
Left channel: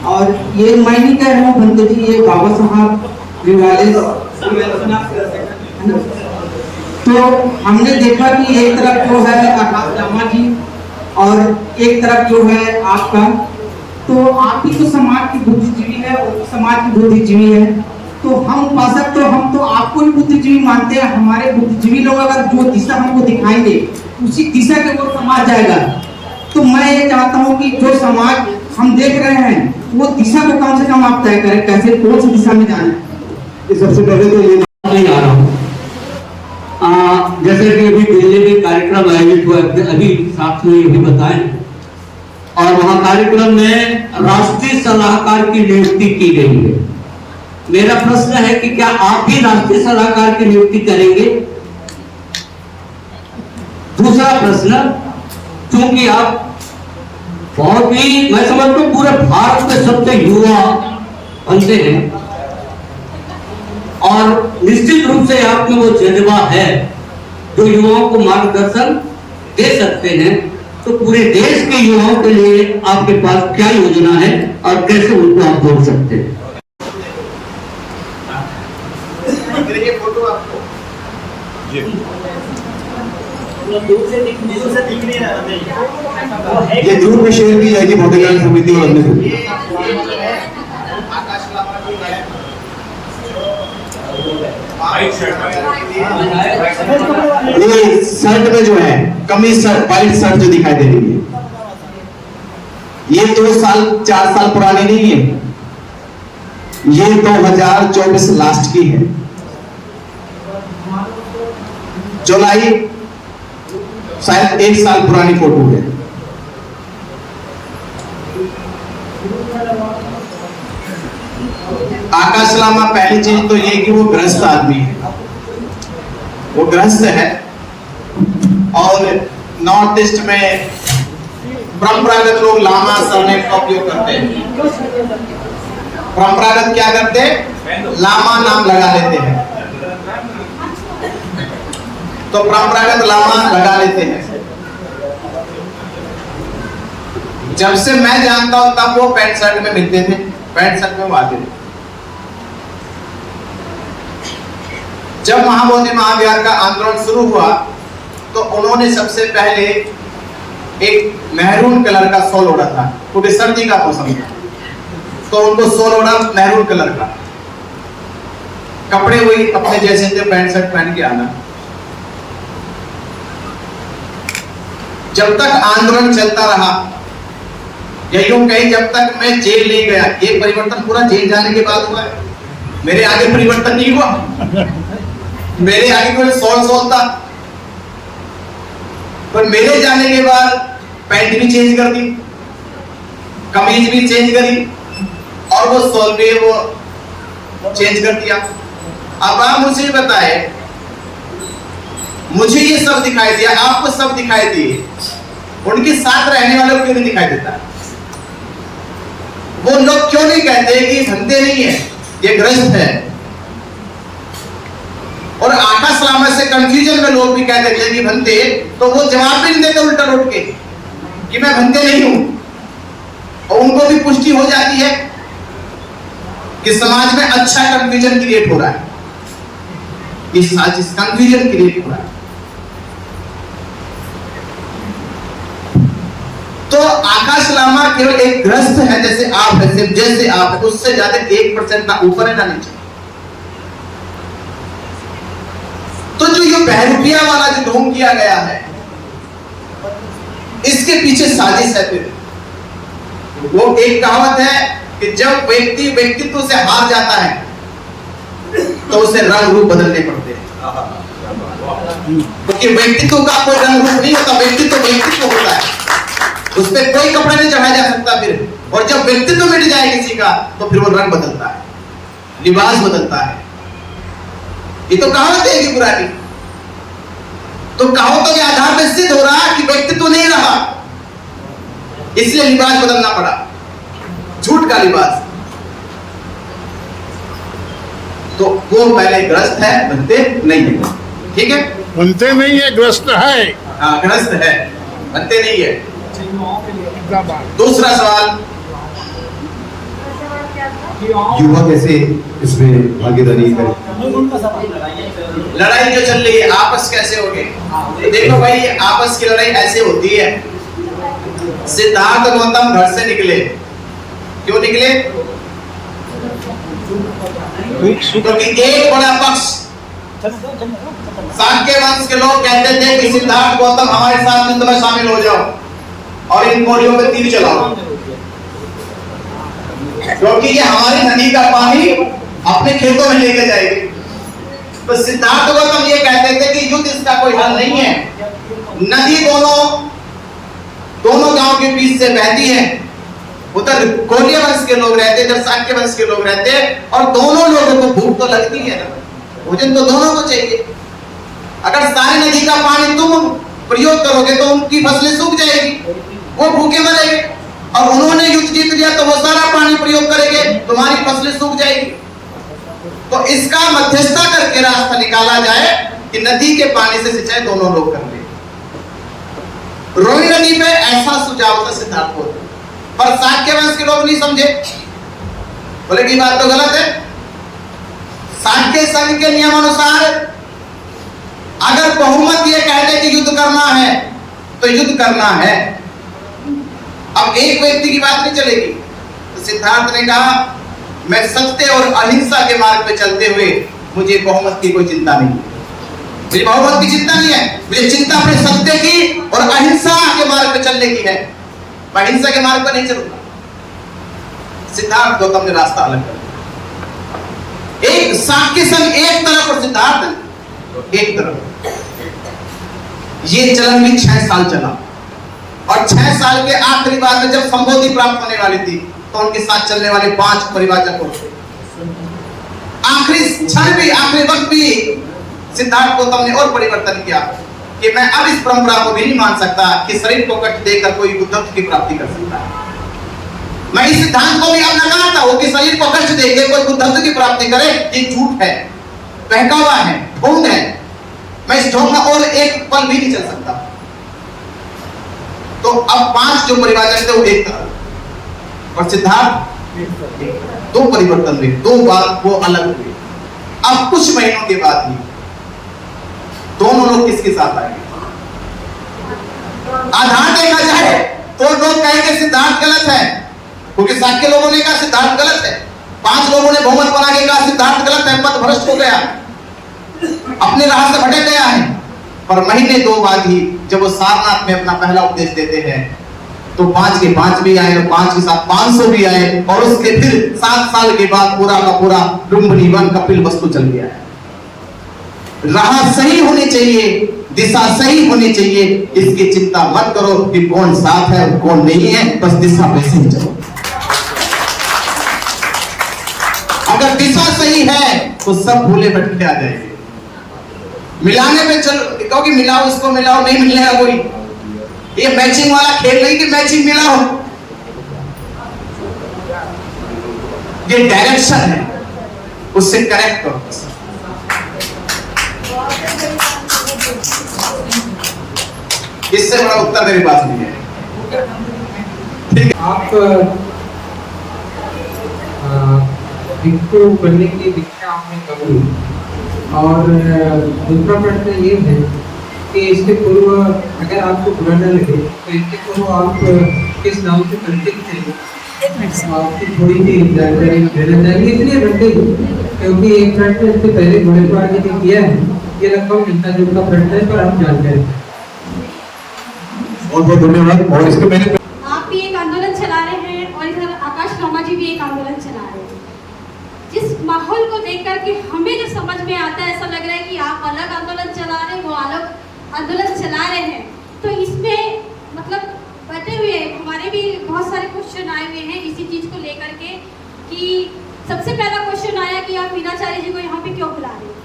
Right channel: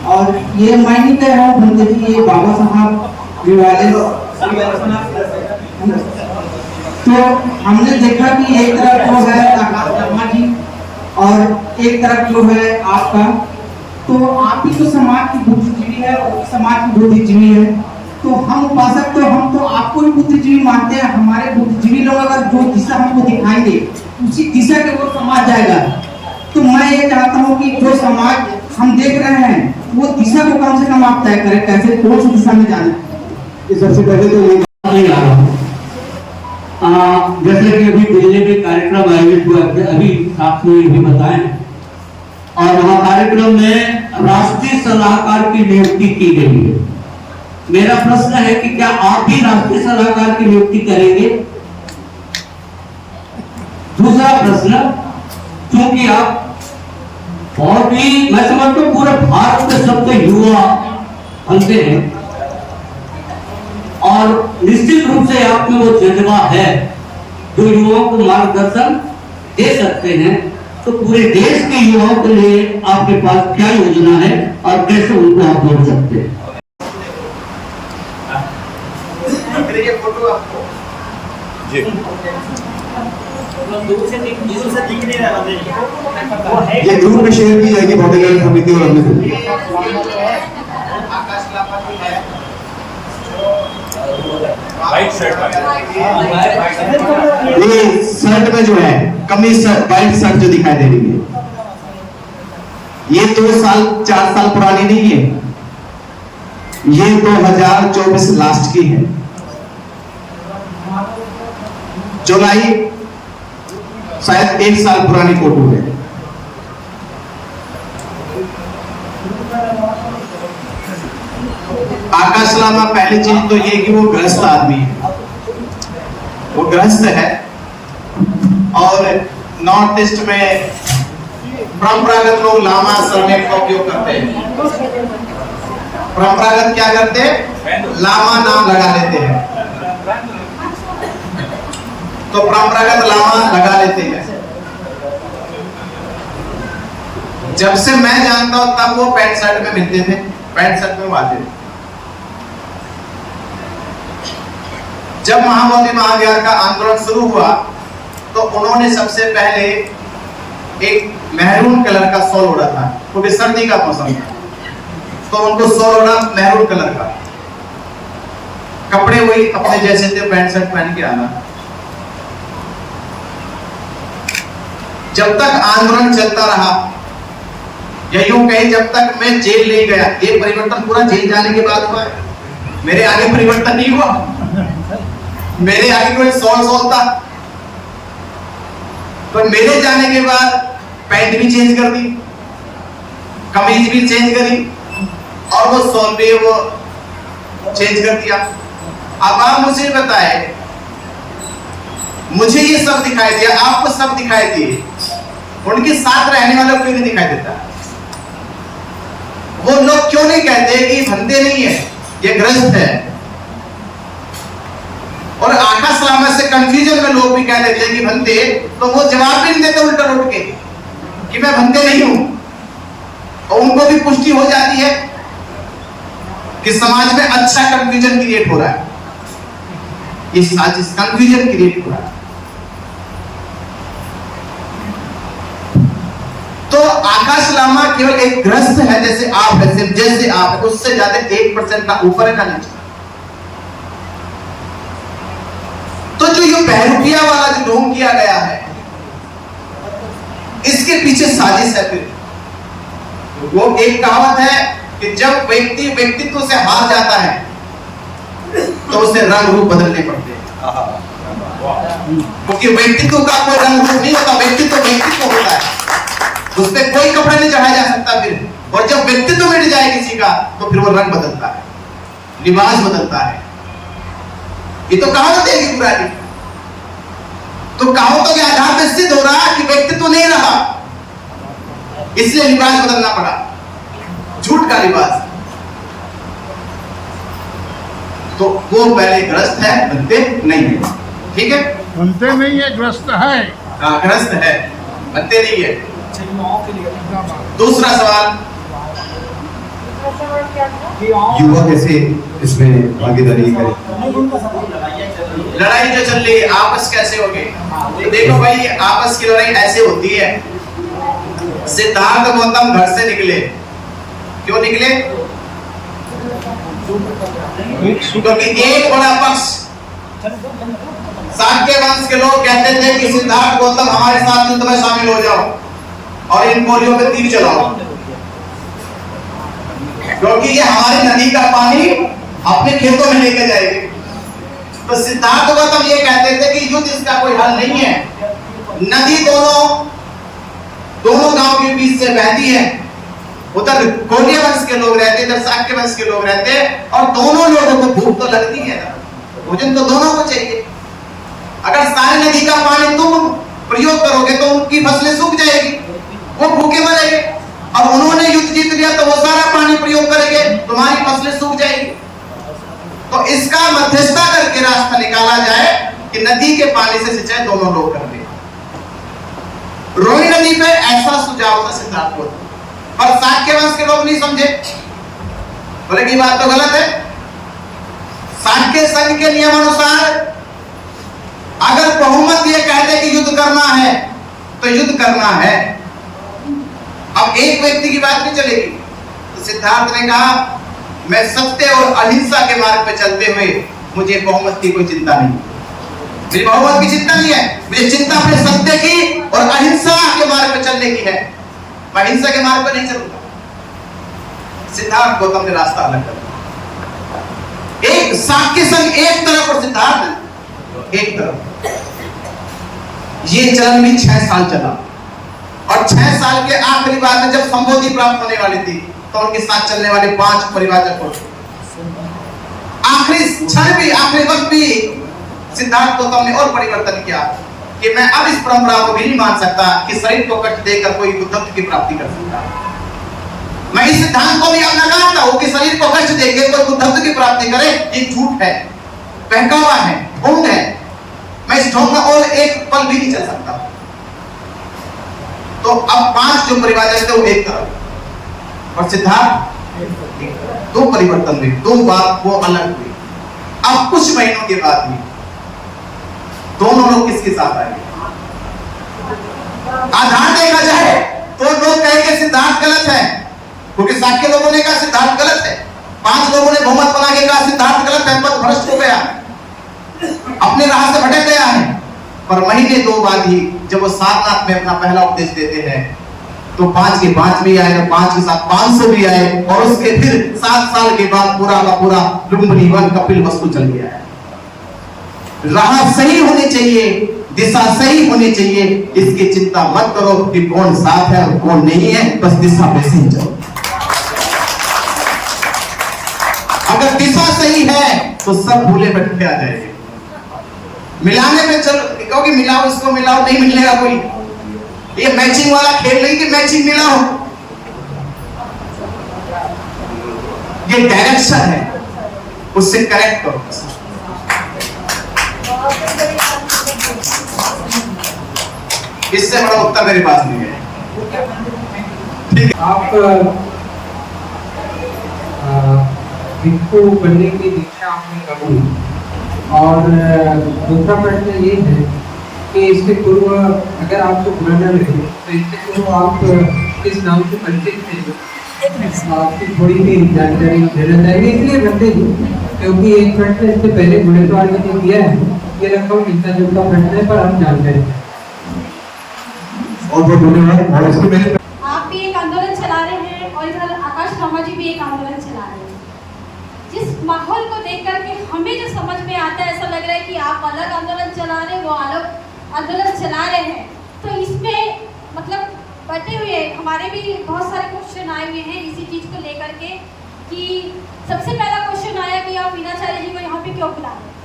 और ये मैं नहीं कह रहा हूँ पंडित जी, ये बाबा साहब तो हमने देखा कि एक तरफ जो है आकाश लामा जी और एक तरफ जो है आपका, तो आप ही तो समाज की बुद्धिजीवी है, वो भी समाज की बुद्धिजीवी है, तो हम उपासक तो हम तो आपको ही बुद्धिजीवी मानते हैं। हमारे बुद्धिजीवी लोग अगर जो दिशा हमको दिखाएंगे उसी दिशा के वो समाज जाएगा। तो मैं ये चाहता हूँ कि जो समाज हम देख रहे हैं वो दिशा को कम से कम आप तय करें, कैसे कौन सी दिशा में जाना है। सबसे पहले तो ये नहीं आ रहा हूँ, जैसे कि अभी दिल्ली में कार्यक्रम आयोजित हुआ, अभी साथियों ने भी बताया, और वहां कार्यक्रम में राष्ट्रीय सलाहकार की नियुक्ति की गई है। मेरा प्रश्न है कि क्या आप भी राष्ट्रीय सलाहकार की नियुक्ति करेंगे? दूसरा प्रश्न, क्योंकि आप बहुत ही, मैं समझता हूं पूरे भारत के सबसे युवा बनते हैं और निश्चित रूप से आप में वो जज्बा है जो युवाओं को मार्गदर्शन दे सकते हैं, तो पूरे देश के युवाओं के लिए आपके पास क्या योजना है और कैसे उनको आप जोड़ सकते हैं? ये दूर में शेयर की है जी भौतिक समिति और अन्य ये शर्ट में जो है कमीज शर्ट, वाइट शर्ट जो दिखाई दे रही है, ये 2 साल 4 साल पुरानी नहीं है, ये 2024 लास्ट की है। जुलाई शायद 1 साल पुरानी फोटो है। आकाश लामा, पहली चीज तो ये कि वो गृहस्थ आदमी है, वो गृहस्थ है और नॉर्थ ईस्ट में परंपरागत लोग लामा सरनेम का उपयोग करते हैं। परंपरागत क्या करते हैं? लामा नाम लगा लेते हैं, तो परंपरागत लामा लगा लेते हैं। जब से मैं जानता हूं तब वो पैंट शर्ट में मिलते थे, पैंट शर्ट में आते थे। जब महाबोधि महाविहार का आंदोलन शुरू हुआ तो उन्होंने सबसे पहले एक मैरून कलर का शॉल ओढ़ा था, क्योंकि सर्दी का मौसम था, तो उनको शॉल ओढ़ा मैरून कलर का। कपड़े वही अपने जैसे थे, पैंट शर्ट पहन के आना। जब तक आंदोलन चलता रहा, या यूं कहीं जब तक मैं जेल नहीं गया, ये परिवर्तन पूरा जेल जाने के बाद हुआ है। मेरे आगे परिवर्तन नहीं हुआ, मेरे आगे कोई सॉल था, तो मेरे जाने के बाद पैंट भी चेंज कर दी, कमीज भी चेंज करी, और वो सॉल पे वो चेंज कर दिया। अब आप मुझे बताए, मुझे ये सब दिखाई दिया, आपको सब दिखाई दिए, उनके साथ रहने वालों को क्यों नहीं दिखाई देता? वो लोग क्यों नहीं कहते कि धंधे नहीं है, ये गृहस्थ है? और आकाश लामा से कंफ्यूजन में लोग भी कह देते हैं कि बंदे, तो वो जवाब भी नहीं देते उल्टा उठ के कि मैं बंदे नहीं हूं, और उनको भी पुष्टि हो जाती है कि समाज में अच्छा कंफ्यूजन क्रिएट हो रहा है, इस कंफ्यूजन क्रिएट हो रहा है। तो आकाश लामा केवल एक ग्रस्त है, जैसे आप जैसे आप, उससे ज्यादा 1% ना ऊपर है ना नीचे। तो जो ये बहरूपिया वाला जो ढोंग किया गया है, इसके पीछे साजिश है। फिर वो एक कहावत है कि जब व्यक्ति व्यक्तित्व से हार जाता है तो उसे रंग रूप बदलने पड़ते हैं, क्योंकि व्यक्तित्व का कोई रंग रूप नहीं होता, व्यक्तित्व व्यक्तित्व होता है, उस पर कोई कपड़ा नहीं चढ़ाया जा सकता। फिर और जब व्यक्तित्व मिट जाए किसी का तो फिर वो रंग बदलता है, लिबास बदलता है। ये तो कहावत है पुरानी। तो कहावतों के आधार पर सिद्ध हो रहा है कि व्यक्तित्व नहीं रहा, इसलिए लिबास बदलना पड़ा, झूठ का लिबास। तो वो पहले ग्रस्त है, बनते नहीं है। ठीक है, बनते नहीं है, ग्रस्त है। हाँ, ग्रस्त है, बनते नहीं है। दूसरा सवाल, युवा कैसे इसमें भागीदारी करे? लड़ाई जो चल रही है आपस कैसे हो गई? देखो भाई, आपस की लड़ाई ऐसे होती है। सिद्धार्थ गौतम घर से निकले, क्यों निकले? क्योंकि एक बड़ा पक्ष शाक्य वंश के लोग कहते थे कि सिद्धार्थ गौतम हमारे साथ युद्ध में शामिल हो जाओ और इन कोरियों पे तीर चलाओ, क्योंकि ये हमारी नदी का पानी अपने खेतों में लेके जाएगी। तो सिद्धार्थ गौतम ये कहते थे कि युद्ध इसका कोई हल नहीं है। नदी दोनों गांव के बीच से बहती है। उधर कोरिया वंश के लोग रहते, इधर शाक्य वंश के लोग रहते, और दोनों लोगों को भूख तो लगती है ना, भोजन तो दोनों को चाहिए। अगर सारी नदी का पानी तुम प्रयोग करोगे तो उनकी फसलें सूख जाएगी, वो भूखे मरेंगे। और उन्होंने युद्ध जीत लिया तो वो सारा पानी प्रयोग करेंगे, तुम्हारी फसलें सूख जाएगी। तो इसका मध्यस्थता करके रास्ता निकाला जाए कि नदी के पानी से सिंचाई दोनों लोग कर ले। रोहिणी नदी पे ऐसा सुझाव था सिद्धार्थ को, पर शाक्य वंश के लोग नहीं समझे, बोले कि बात तो गलत है। शाक्य संघ के नियमानुसार अगर बहुमत ये कहते कि युद्ध करना है तो युद्ध करना है, अब एक व्यक्ति की बात नहीं चलेगी। तो सिद्धार्थ ने कहा, मैं सत्य और अहिंसा के मार्ग पे चलते हुए मुझे बहुमत की कोई चिंता नहीं, मुझे बहुमत की चिंता नहीं है, मुझे चिंता फिर सत्य की और अहिंसा के मार्ग पे चलने की है, मैं अहिंसा के मार्ग पर नहीं चलूंगा। सिद्धार्थ गौतम ने रास्ता अलग कर दिया। एक शाक्य संघ एक तरफ और सिद्धार्थ एक तरफ। ये चलन भी 6 साल चला, और 6 साल के आखिरी बार में जब संबोधि प्राप्त होने वाली थी तो उनके साथ चलने वाले 5 परिवाचक को आखिरी क्षण भी, आखिरी वक्त भी सिद्धार्थ गौतम ने और परिवर्तन किया कि मैं अब इस परंपरा को भी नहीं मान सकता कि शरीर को कष्ट देकर कोई बुद्धत्व की प्राप्ति कर सकता है। मैं इस सिद्धांत को भी अब नकारता हूं कि शरीर को कष्ट देकर कोई बुद्धत्व की प्राप्ति करे, ये झूठ है, बहकावा है, ढोंग है। मैं इस ढोंग में और एक पल भी नहीं चल सकता। तो अब 5 जो परिवाचक थे वो एक तरफ और सिद्धार्थ 2 परिवर्तन हुए, 2 बात वो अलग हुए। अब कुछ महीनों के बाद भी दोनों लोग किसके साथ आएंगे? आधार देखा जाए तो लोग कहेंगे सिद्धार्थ गलत है, क्योंकि शाक्य लोगों ने कहा सिद्धार्थ गलत है, 5 लोगों ने बहुमत बना के कहा सिद्धार्थ गलत है, पथ भ्रष्ट हो गया, अपने राह से भटक गया है। पर महीने 2 बाद ही जब वो सारनाथ में अपना पहला उपदेश देते हैं तो 5 के 5 भी आए, 5 के साथ 500 भी आए, और उसके फिर 7 साल के बाद पूरा का पूरा लुम्बिनी वन कपिल वस्तु चल गया है। राह सही होनी चाहिए, दिशा सही होनी चाहिए, इसकी चिंता मत करो कि कौन साथ है और कौन नहीं है, बस दिशा पे सही चलो। अगर दिशा सही है तो सब भूले भटके आ जाएंगे। मिलाने में चलो, क्योंकि मिलाओ इसको मिलाओ, नहीं मिलेगा कोई। ये मैचिंग वाला खेल नहीं कि मैचिंग मिलाओ, ये डायरेक्शन है, उससे करेक्ट करो। इससे बड़ा उत्तर मेरे पास नहीं है। आप भिक्षु बनने की दीक्षा आपने कब ली? और दूसरा प्रश्न ये है कि इससे पूर्व, अगर आपको बुरा न लगे तो इससे पूर्व आप किस नाम से परिचित थे? आपकी थोड़ी सी जानकारी देना चाहिए, इसलिए बनते क्योंकि एक प्रश्न इससे पहले घोड़ेसवार जी ने किया है ये लगभग मिलता जुलता प्रश्न है, पर हम जानकारी हैं। और बहुत धन्यवाद। और इसके मेरे आप भी एक आंदोलन चला रहे हैं और इधर आकाश लामा जी भी एक आंदोलन चला रहे हैं। जिस माहौल को देख करके हमें जो समझ में आता है, ऐसा लग रहा है कि आप अलग आंदोलन चला रहे हैं, वो अलग आंदोलन चला रहे हैं। तो इसमें मतलब बटे हुए हमारे भी बहुत सारे क्वेश्चन आए हुए हैं इसी चीज को लेकर के, कि सबसे पहला क्वेश्चन आया कि आप मीनाचार्य जी को यहाँ पे क्यों बुला रहे हैं,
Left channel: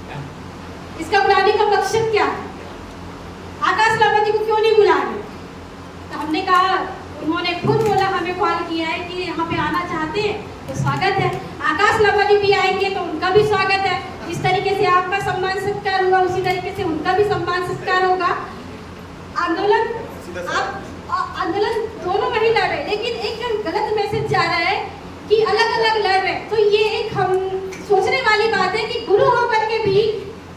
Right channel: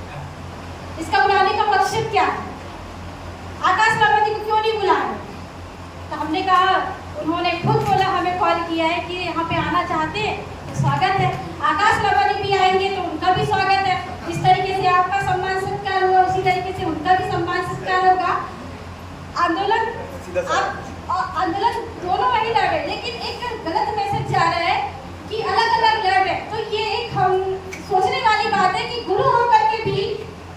इसका बुलाने का मकसद क्या है, आकाश लामा जी को क्यों नहीं बुला रहे। तो हमने कहा, उन्होंने खुद बोला, हमें कॉल किया है कि यहाँ पे आना चाहते हैं तो स्वागत है, आकाश लामा जी भी आएंगे तो उनका भी स्वागत है। जिस तरीके से आपका सम्मान सत्कार हुआ उसी तरीके से उनका भी सम्मान सत्कार होगा। आंदोलन दोनों वही लड़ रहे, लेकिन एक जो गलत मैसेज जा रहा है कि अलग अलग लड़ रहे, तो ये एक हम सोचने वाली बात है कि गुरु होकर के भी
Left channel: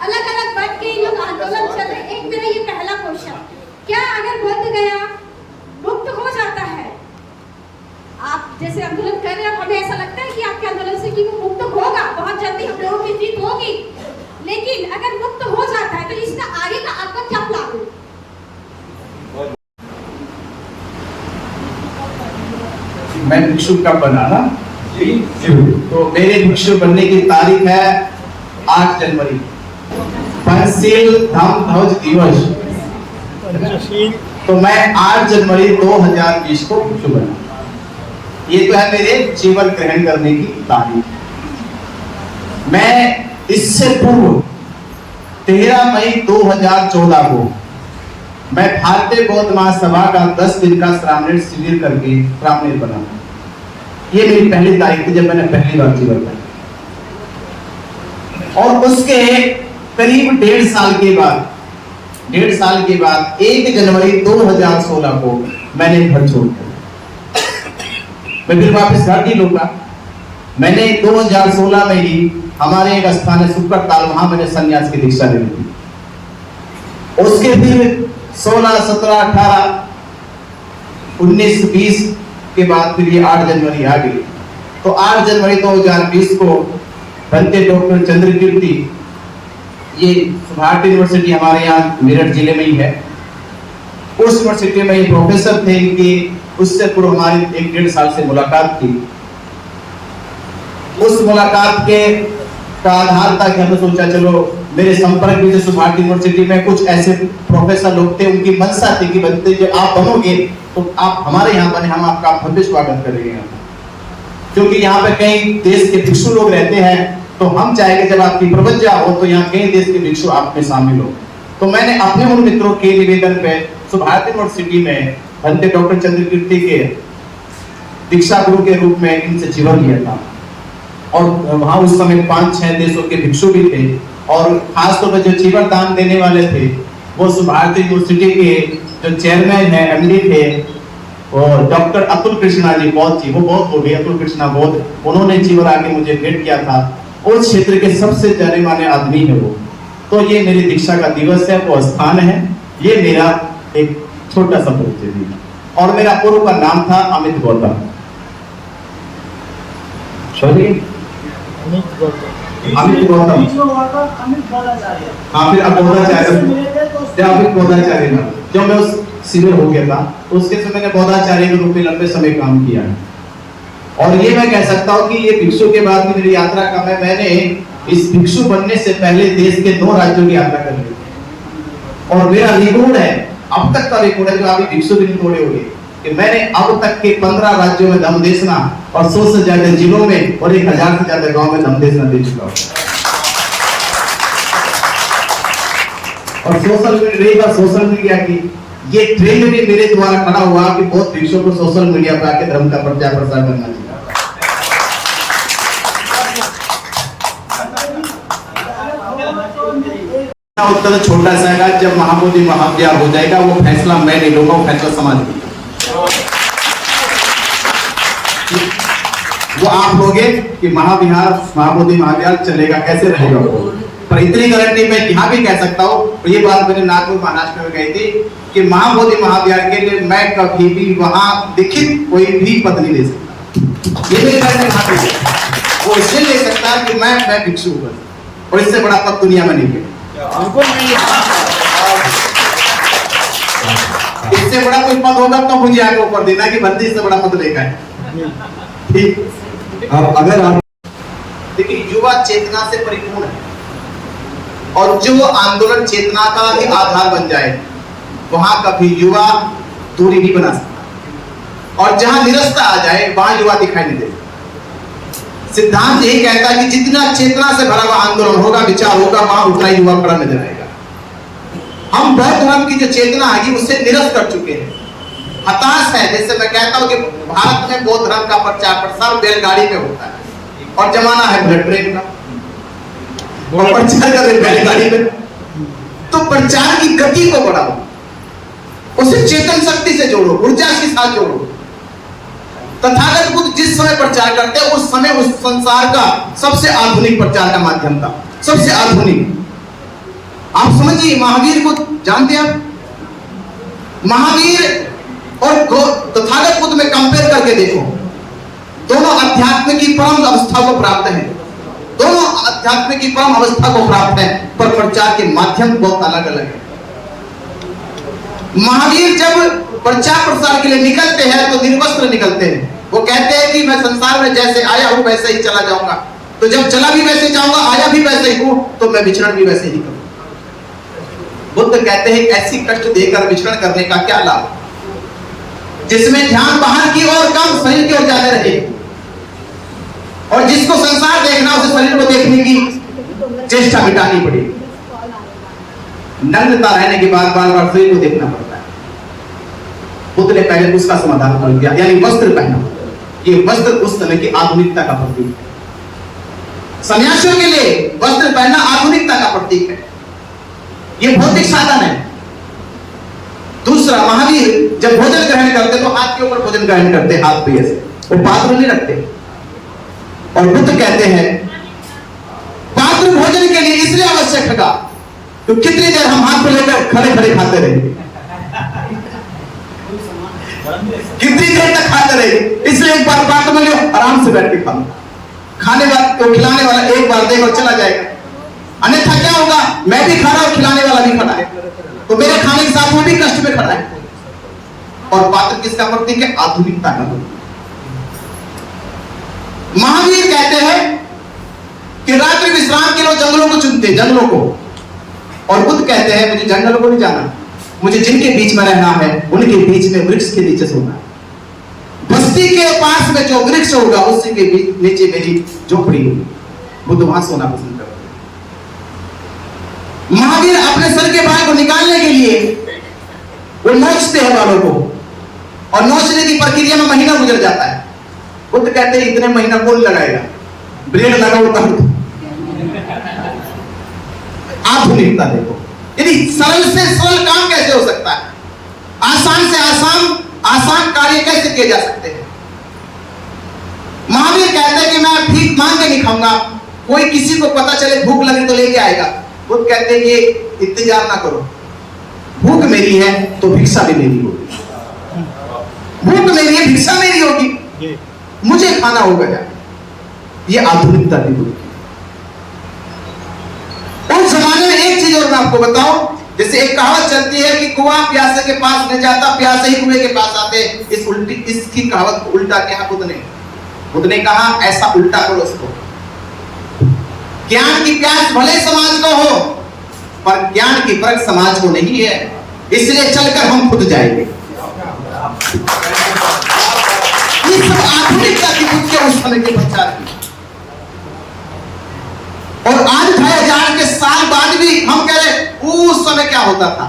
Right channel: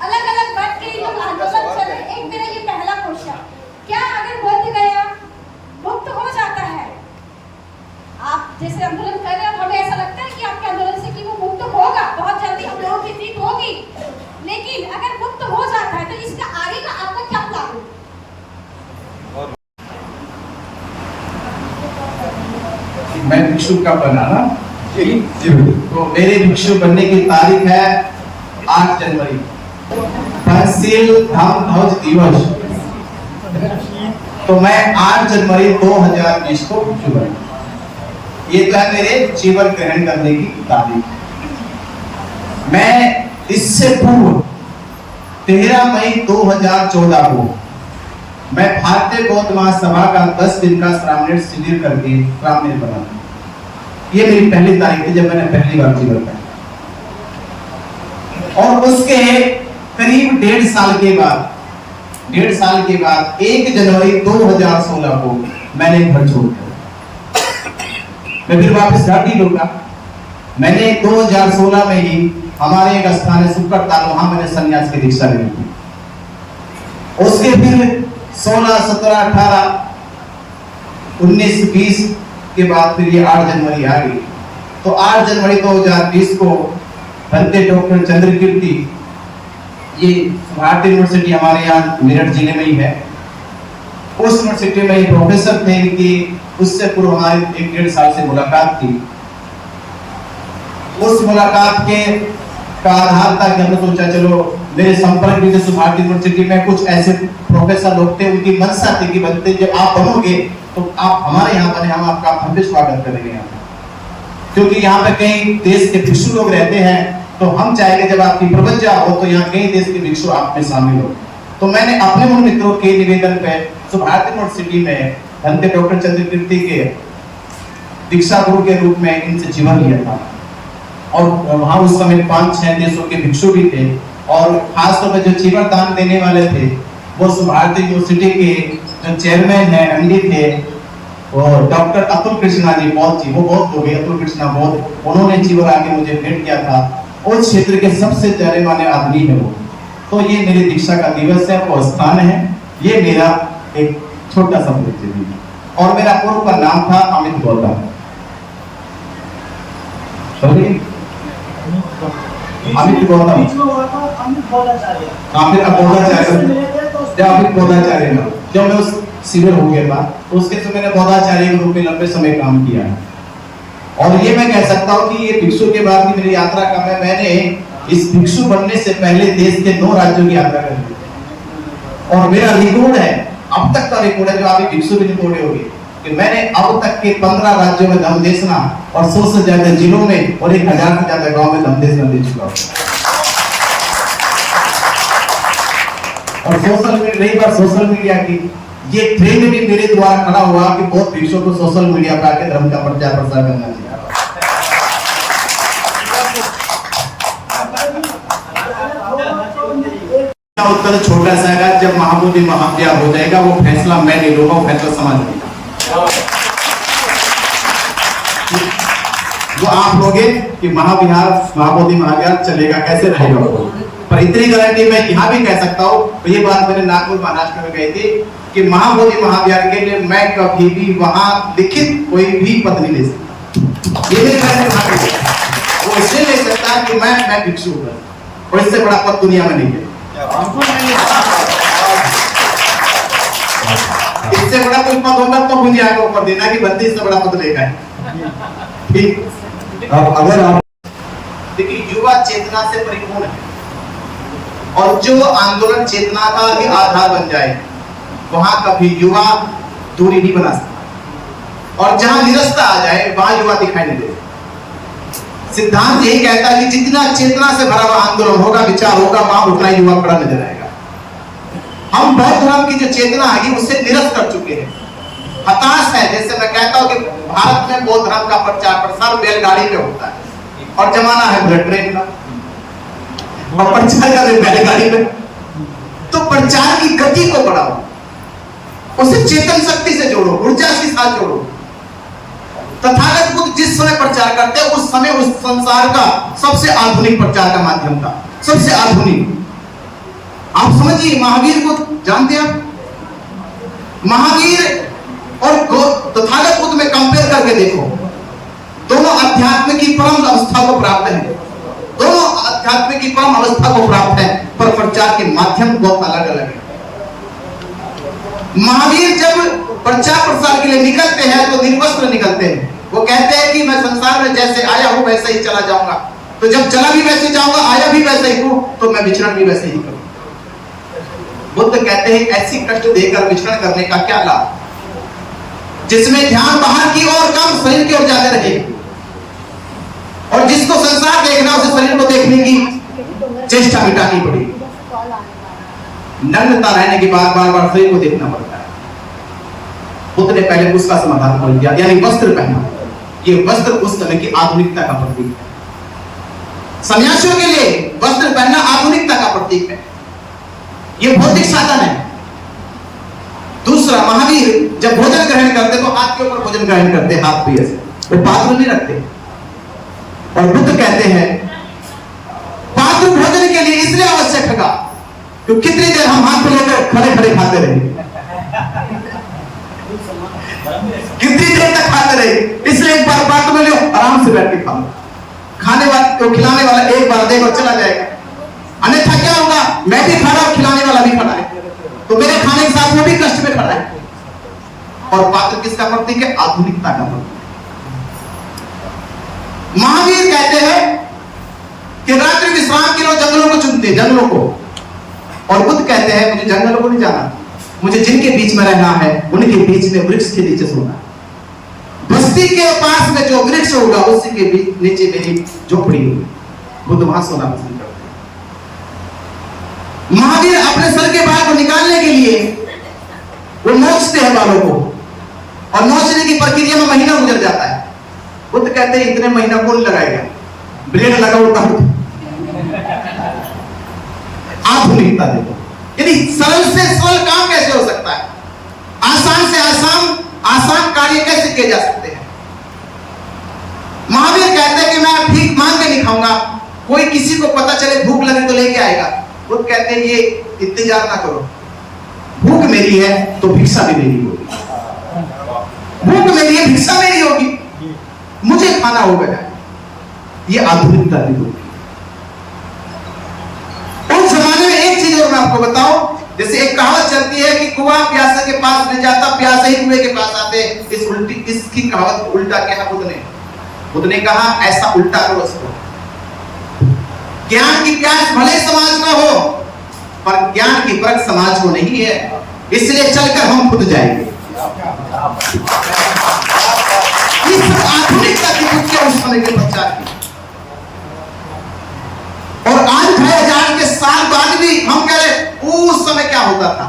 अलग अलग बैठ के लोग आंदोलन कर रहे हैं। एक मेरा ये पहला क्वेश्चन, क्या अगर बोध गया मुक्त हो जाता है, आप जैसे आंदोलन कर रहे हैं, हमें ऐसा लगता है कि आपके आंदोलन से कि वो मुक्त होगा, बहुत जल्दी हम लोगों की जीत होगी, लेकिन अगर मुक्त हो जाता है तो इसका आगे का आपका क्या प्लान है? मैं भिक्षु का बनाना, तो मेरे भिक्षु बनने की तारीख है 8 जनवरी, तहसील धाम ध्वज दिवस। तो मैं 8 जनवरी 2020 को भिक्षु बना। ये तो है मेरे जीवन ग्रहण करने की तारीख। मैं इससे पूर्व 13 मई 2014 को मैं भारतीय बौद्ध महासभा का 10 दिन का श्रामणेर शिविर करके श्रामणेर बना। ये मेरी पहली तारीख थी जब मैंने पहली बार जीवन का, और उसके करीब 1.5 साल के बाद 1 जनवरी 2016 को मैंने घर छोड़ दिया। मैं फिर वापस घर नहीं लौटा। मैंने 2016 में ही हमारे एक स्थान है सुक्कर ताल, वहां मैंने संन्यास की दीक्षा ली थी। उसके फिर 16, 17, 18, 19, 20 के बाद फिर ये 8 जनवरी आ गई। तो 8 जनवरी 2020 को बनते डॉक्टर चंद्रकीर्ति, ये भारतीय यूनिवर्सिटी हमारे यहाँ मेरठ जिले में ही है, उस यूनिवर्सिटी में प्रोफेसर थे कि उससे पूर्व हमारी 1-1.5 साल से मुलाकात थी। उस मुलाकात के का आधार था कि हमने सोचा चलो मेरे संपर्क में जैसे भारतीय यूनिवर्सिटी में कुछ ऐसे प्रोफेसर लोग थे, उनकी मंशा थी कि बनते जब आप बनोगे तो आप हमारे यहाँ बने, हम आपका भव्य स्वागत करेंगे यहाँ, क्योंकि यहाँ पे कई देश के भिक्षु लोग रहते हैं, तो हम चाहेंगे जब आपकी प्रवज्ञा हो तो यहाँ कई देश के भिक्षु आप में शामिल हो। तो मैंने अपने उन मित्रों के निवेदन पे भारतीय यूनिवर्सिटी में बनते डॉक्टर चंद्रकीर्ति के दीक्षा गुरु के रूप में इनसे जीवन लिया था, और वहां उस समय 5-6 देशों के भिक्षु भी थे, और खासतौर पर जो जीवन दान देने वाले थे वो भारतीय यूनिवर्सिटी के जो चेयरमैन है, एमडी थे, और डॉक्टर अतुल कृष्णा जी, बहुत जी वो बहुत हो गए, अतुल कृष्णा बहुत, उन्होंने जीवन आके मुझे भेंट किया था। उस क्षेत्र के सबसे जाने माने आदमी है वो। तो ये मेरी दीक्षा का दिवस है, वो स्थान है, ये मेरा एक छोटा सा परिचय है। और मेरा पूर्व का नाम था अमित गौतम। अमित गौतम, हाँ फिर अब बौद्धाचार्य ना, जब मैं उस शिविर हो गया था तो उसके समय मैंने बौद्धाचार्य के रूप में लंबे समय काम किया है। और ये मैं कह सकता हूँ कि ये भिक्षु के बाद की मेरी यात्रा का मैंने इस भिक्षु बनने से पहले देश के 2 राज्यों की यात्रा कर ली, और मेरा रिकॉर्ड है, अब तक का रिकॉर्ड है जो अभी भिक्षु भी नहीं तोड़े होंगे, कि मैंने अब तक के 15 राज्यों में धम्म देशना और 100 से ज्यादा जिलों में और 1000 से ज्यादा गांव में धम्म देशना दे चुका हूँ। और सोशल मीडिया की ये ट्रेंड भी मेरे द्वारा खड़ा हुआ कि बहुत भिक्षुओं को सोशल मीडिया पर आके धर्म का प्रचार प्रसार करना चाहिए। उत्तर छोटा सा है, जब महाबोधि महाविहार हो जाएगा वो फैसला मैं नहीं लूंगा, वो फैसला समाज में जो आप लोगे कि महाबोधि महाविहार चलेगा, कैसे रहेगा वो। पर इतनी गारंटी मैं यहाँ भी कह सकता हूँ, ये बात मैंने नागपुर महाराष्ट्र में कही थी कि महाबोधि महाविहार के लिए मैं कभी भी वहां लिखित कोई भी पद नहीं ले सकता। ये भी मैंने वो इसलिए ले सकता कि मैं भिक्षु हूँ, और इससे बड़ा पद दुनिया में नहीं है। इससे बड़ा कोई पद होगा तो मुझे आगे ऊपर देना कि बंदी से बड़ा पद लेगा है। ठीक। अब अगर आप देखिए युवा चेतना से परिपूर्ण है और जो आंदोलन चेतना का भी आधार बन जाए वहां कभी युवा दूरी नहीं बना सकता और जहां निरस्ता आ जाए वहां युवा दिखाई नहीं देता। सिद्धांत ये कहता है कि जितना चेतना से भरा हुआ आंदोलन होगा, विचार होगा, वहां उतना युवा बड़ा नजर आएगा। हम बौद्ध धर्म की जो चेतना है उससे निरस्त कर चुके हैं, हताश है। जैसे मैं कहता हूं कि भारत में बौद्ध धर्म का प्रचार प्रसार बैलगाड़ी पे होता है और जमाना है बुलेट ट्रेन का और प्रचार का बैलगाड़ी में। तो प्रचार की गति को बढ़ाओ, उसे चेतन शक्ति से जोड़ो, ऊर्जा के साथ जोड़ो। तथागत बुद्ध जिस समय प्रचार करते हैं उस समय उस संसार का सबसे आधुनिक प्रचार का माध्यम था, सबसे आधुनिक। आप समझिए, महावीर को जानते हैं आप? महावीर और तथागत बुद्ध में कंपेयर करके देखो, दोनों अध्यात्म की परम अवस्था को प्राप्त हैं, दोनों अध्यात्म की परम अवस्था को प्राप्त है, पर प्रचार के माध्यम बहुत अलग अलग है। महावीर जब प्रचार प्रसार के लिए निकलते हैं तो निर्वस्त्र निकलते हैं। वो कहते हैं कि मैं संसार में जैसे आया हूं वैसे ही चला जाऊंगा। तो जब चला भी वैसे ही जाऊंगा, आया भी वैसे ही हूं, तो मैं विचरण भी वैसे ही करूंगा। बुद्ध कहते हैं ऐसी कष्ट देकर विचरण करने का क्या लाभ, जिसमें ध्यान बाहर की ओर कम, शरीर की ओर ज्यादा रहे। और जिसको संसार देखना उसे शरीर को देखने की चेष्टा मिटानी पड़ेगी। नग्नता रहने के बाद बार बार शरीर को देखना पड़ता है। बुद्ध ने पहले उसका समाधान कर दिया, यानी वस्त्र पहना। ये वस्त्र उस समय की आधुनिकता का प्रतीक है। सन्यासियों के लिए वस्त्र पहनना आधुनिकता का प्रतीक है, ये भौतिक साधन है। दूसरा, महावीर जब भोजन ग्रहण करते तो हाथ के ऊपर भोजन ग्रहण करते, हाथ पे ऐसे, वो पात्र नहीं रखते। और बुद्ध कहते हैं पात्र भोजन के लिए इसलिए आवश्यक है तो कितनी देर हम हाथ पे लेकर खड़े खड़े खाते रहे, कितनी देर तक खाते रहे। इसलिए एक बार बात बोलियो, आराम से बैठ के खाओ। खाने वाला तो खिलाने वाला एक बार देगा और चला जाएगा, अन्यथा क्या होगा, मैं भी खड़ा और खिलाने वाला भी खड़ा है, तो मेरे खाने के साथ वो भी कष्ट में खड़ा है। और पात्र किसका प्रतीक है? आधुनिकता का प्रतीक। महावीर कहते हैं कि रात्रि विश्राम के लिए जंगलों को चुनते, जंगलों को। और बुद्ध कहते हैं मुझे जंगलों को नहीं जाना, मुझे जिनके बीच में रहना है उनके बीच में वृक्ष के नीचे सोना। बस्ती के पास में जो वृक्ष होगा उसी के नीचे मेरी झोपड़ी होगी। बुद्ध वहां सोना पसंद करते। महावीर अपने सर के बाल को निकालने के लिए वो नोचते हैं बालों को, और नोचने की प्रक्रिया में महीना गुजर जाता है। बुद्ध कहते हैं इतने महीना कौन लगाएगा, ब्लेड लगाओ तब। आधुनिकता देखो, यानी सरल से सरल काम कैसे हो सकता है, आसान से आसान कार्य कैसे किए जा सकते हैं। महावीर कहते हैं कि मैं भीख मांग के नहीं खाऊंगा, कोई किसी को पता चले भूख लगे तो लेके आएगा। बुद्ध कहते हैं ये इंतजार ना करो, भूख मेरी है तो भिक्षा भी मेरी होगी, भूख मेरी है भिक्षा मेरी होगी, मुझे खाना होगा। ये आधुनिकता की भूख। उस जमाने में एक चीज और मैं आपको बताऊं, जैसे एक कहावत चलती है कि कुआं प्यासे के पास नहीं जाता, प्यासे ही कुएं के पास आते। इसकी कहावत को उल्टा किया बुद्ध ने कहा ऐसा उल्टा करो उसको। ज्ञान की प्यास भले समाज को हो, पर ज्ञान की परख समाज को नहीं है, इसलिए चलकर हम खुद जाएंगे। इस आधुनिकता की बुद्ध उस समय के प्रचार की। और आज 2000 के साल बाद भी हम कह रहे उस समय क्या होता था,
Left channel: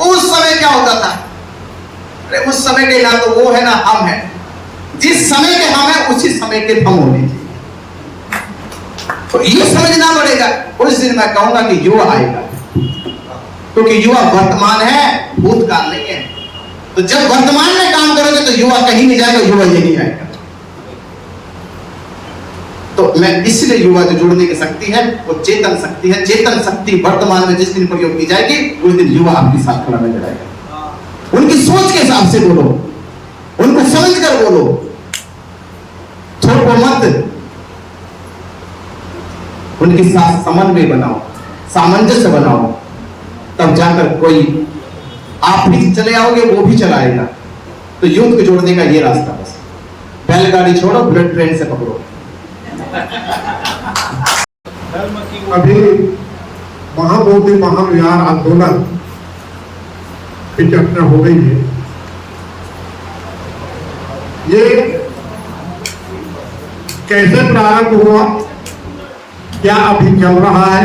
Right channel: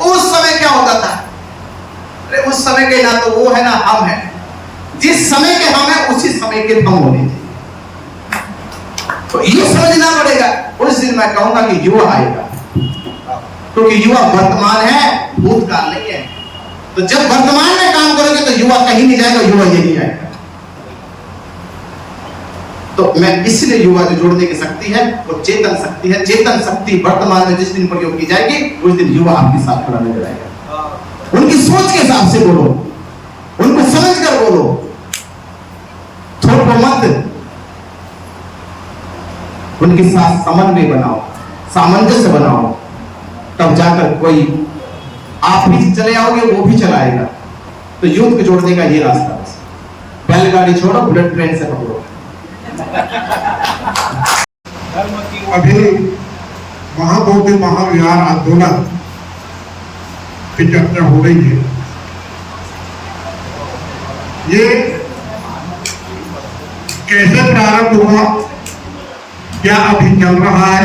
उस समय क्या होता था। अरे उस समय के ना तो वो है ना हम है, जिस समय के हम है उसी समय के हम होने। तो ये समझना पड़ेगा। उस दिन मैं कहूंगा कि युवा आएगा, क्योंकि युवा वर्तमान है, भूतकाल नहीं है। तो जब वर्तमान में काम करोगे तो युवा कहीं नहीं जाएगा, युवा यही आएगा। तो मैं इसलिए युवा जो जोड़ने की शक्ति है वो चेतन शक्ति है। चेतन शक्ति वर्तमान में जिस दिन प्रयोग की जाएगी उस दिन युवा आपके साथ खड़ा नजर आएगा। उनकी सोच के हिसाब से बोलो, उनको समझ कर बोलो, थोड़ा मत, उनके साथ समन्वय बनाओ, सामंजस्य बनाओ, तब जाकर कोई आप भी चले आओगे, वो भी चलाएगा। तो यूथ को जोड़ने का ये रास्ता बस, बैलगाड़ी छोड़ो, बुलेट ट्रेन से पकड़ो। अभी महाबोधि महाविहार आंदोलन की चर्चा हो रही है। ये कैसे प्रारंभ हुआ, क्या अभी चल रहा है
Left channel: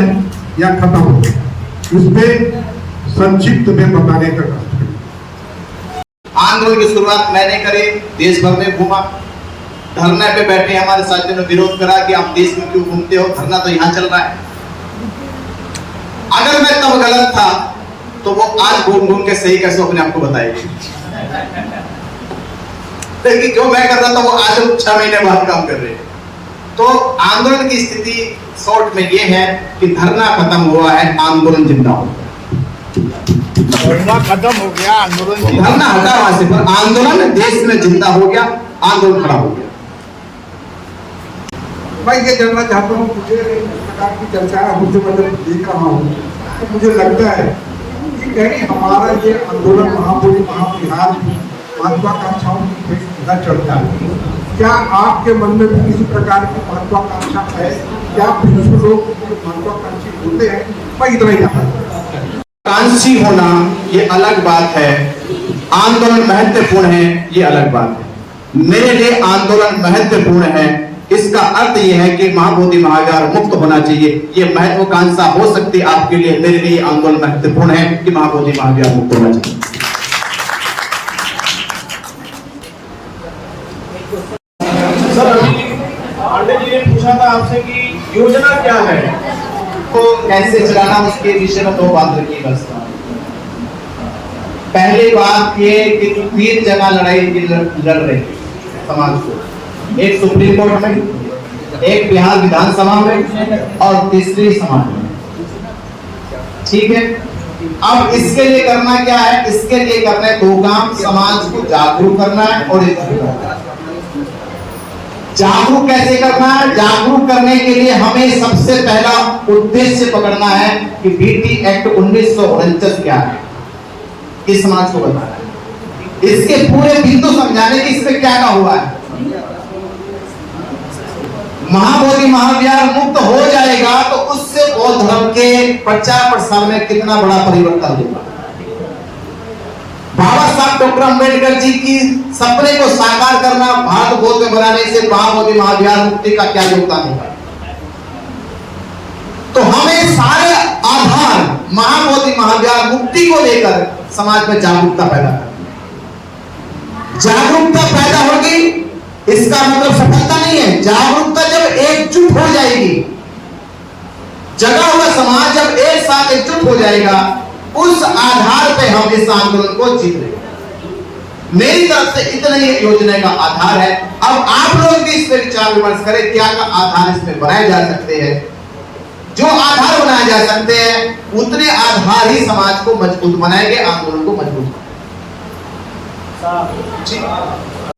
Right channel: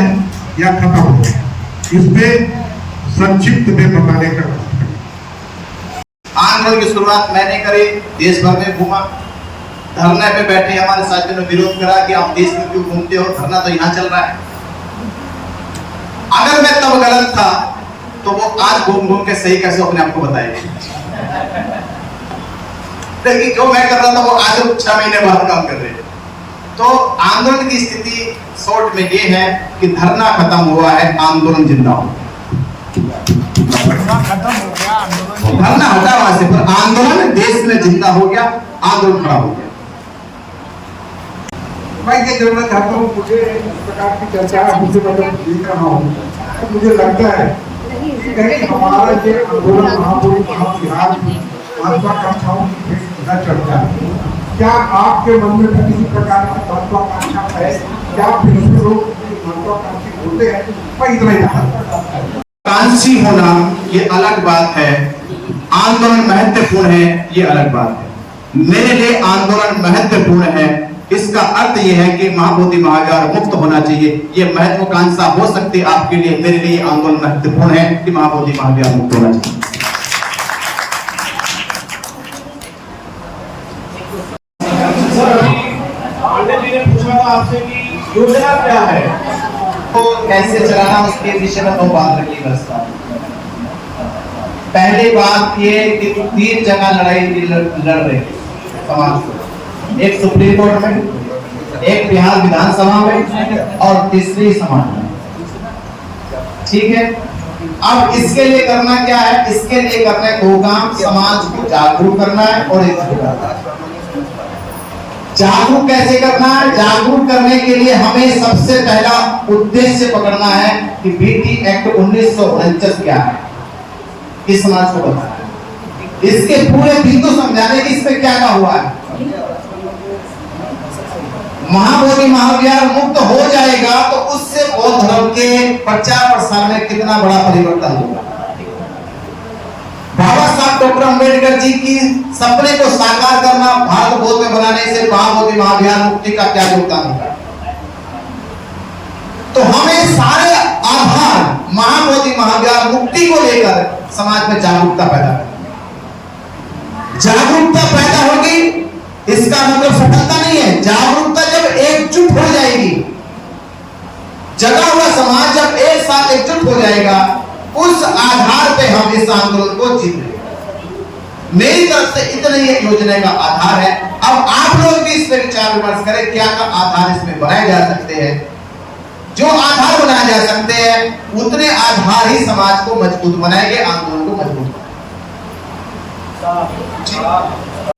या खत्म हो गया, इसमें संक्षिप्त में बताने का आंदोलन की शुरुआत मैंने करी, देश भर में घूमा, धरने पे बैठे हमारे साथियों ने विरोध करा कि आप देश में क्यों घूमते हो, धरना तो यहाँ चल रहा है। अगर मैं तब गलत था तो वो आज घूम घूम के सही कैसे अपने आप को बताएगी। लेकिन जो मैं कर रहा था वो आज 6 महीने बाद काम कर रहे हैं। तो आंदोलन की स्थिति शॉर्ट में ये है कि धरना खत्म हुआ है, आंदोलन जिंदा हो गया। खत्म हो गया, धरना हटा वहां से, पर आंदोलन देश में जिंदा हो गया, आंदोलन खड़ा हो गया। मैं ये जानना चाहता हूँ, मुझे इस प्रकार की चर्चा मुझसे मतलब देख रहा हूँ, मुझे लगता है कि कहीं हमारा ये आंदोलन महाबोधि महाविहार महत्वाकांक्षाओं की सीधा चलता है। क्या आपके मन में भी किसी प्रकार की महत्वाकांक्षा है? क्या फिर लोग महत्वाकांक्षी होते हैं? मैं इतना ही कांक्षी होना ये अलग बात है, आंदोलन महत्वपूर्ण है ये अलग बात है। मेरे लिए आंदोलन महत्वपूर्ण है, इसका अर्थ ये है कि महाबोधि महाविहार मुक्त होना चाहिए। ये महत्वाकांक्षा हो सकती है आपके लिए, मेरे लिए आंदोलन महत्वपूर्ण है कि महाबोधि महाविहार मुक्त होना चाहिए। सर, अभी पांडे जी ने पूछा था आपसे कि योजना क्या है, तो कैसे चलाना उसके विषय में 2 बात रखी बस। पहली बात ये कि 3 जगह लड़ाई लड़ रही समाज को, एक सुप्रीम कोर्ट में, एक बिहार विधानसभा में और तीसरी समाज में। ठीक है, अब इसके लिए करना क्या है? इसके लिए करना है 2 काम, समाज को जागरूक करना है और जागरूक कैसे करना है? जागरूक करने के लिए हमें सबसे पहला उद्देश्य पकड़ना है कि बीटी एक्ट 1949 क्या है, इस समाज को बताना है, इसके पूरे बिंदु समझाने की इसमें क्या हुआ है। महाबोधि महाविहार मुक्त हो जाएगा तो उससे बौद्ध धर्म के प्रचार प्रसार में कितना बड़ा परिवर्तन होगा। बाबा साहब डॉक्टर अम्बेडकर जी की सपने को साकार करना, भारत बौद्ध में बनाने से महाबोधि महाविहार मुक्ति का क्या योगदान होगा। तो हमें सारे आधार महाबोधि महाविहार मुक्ति को लेकर समाज में जागरूकता पैदा करनी। जागरूकता पैदा होगी, इसका मतलब सफलता नहीं है। जागरूकता जब एकजुट हो जाएगी, जगा हुआ समाज जब एक साथ एकजुट हो जाएगा, उस आधार पे हम इस आंदोलन को जीतेंगे। मेरी तरफ से इतने ही योजना का आधार है। अब आप लोग भी इस पर विचार विमर्श करें, क्या का आधार इसमें बनाए जा सकते हैं। जो आधार बनाए जा सकते हैं उतने आधार ही समाज को मजबूत बनाएंगे, आंदोलन को मजबूत बनाएंगे।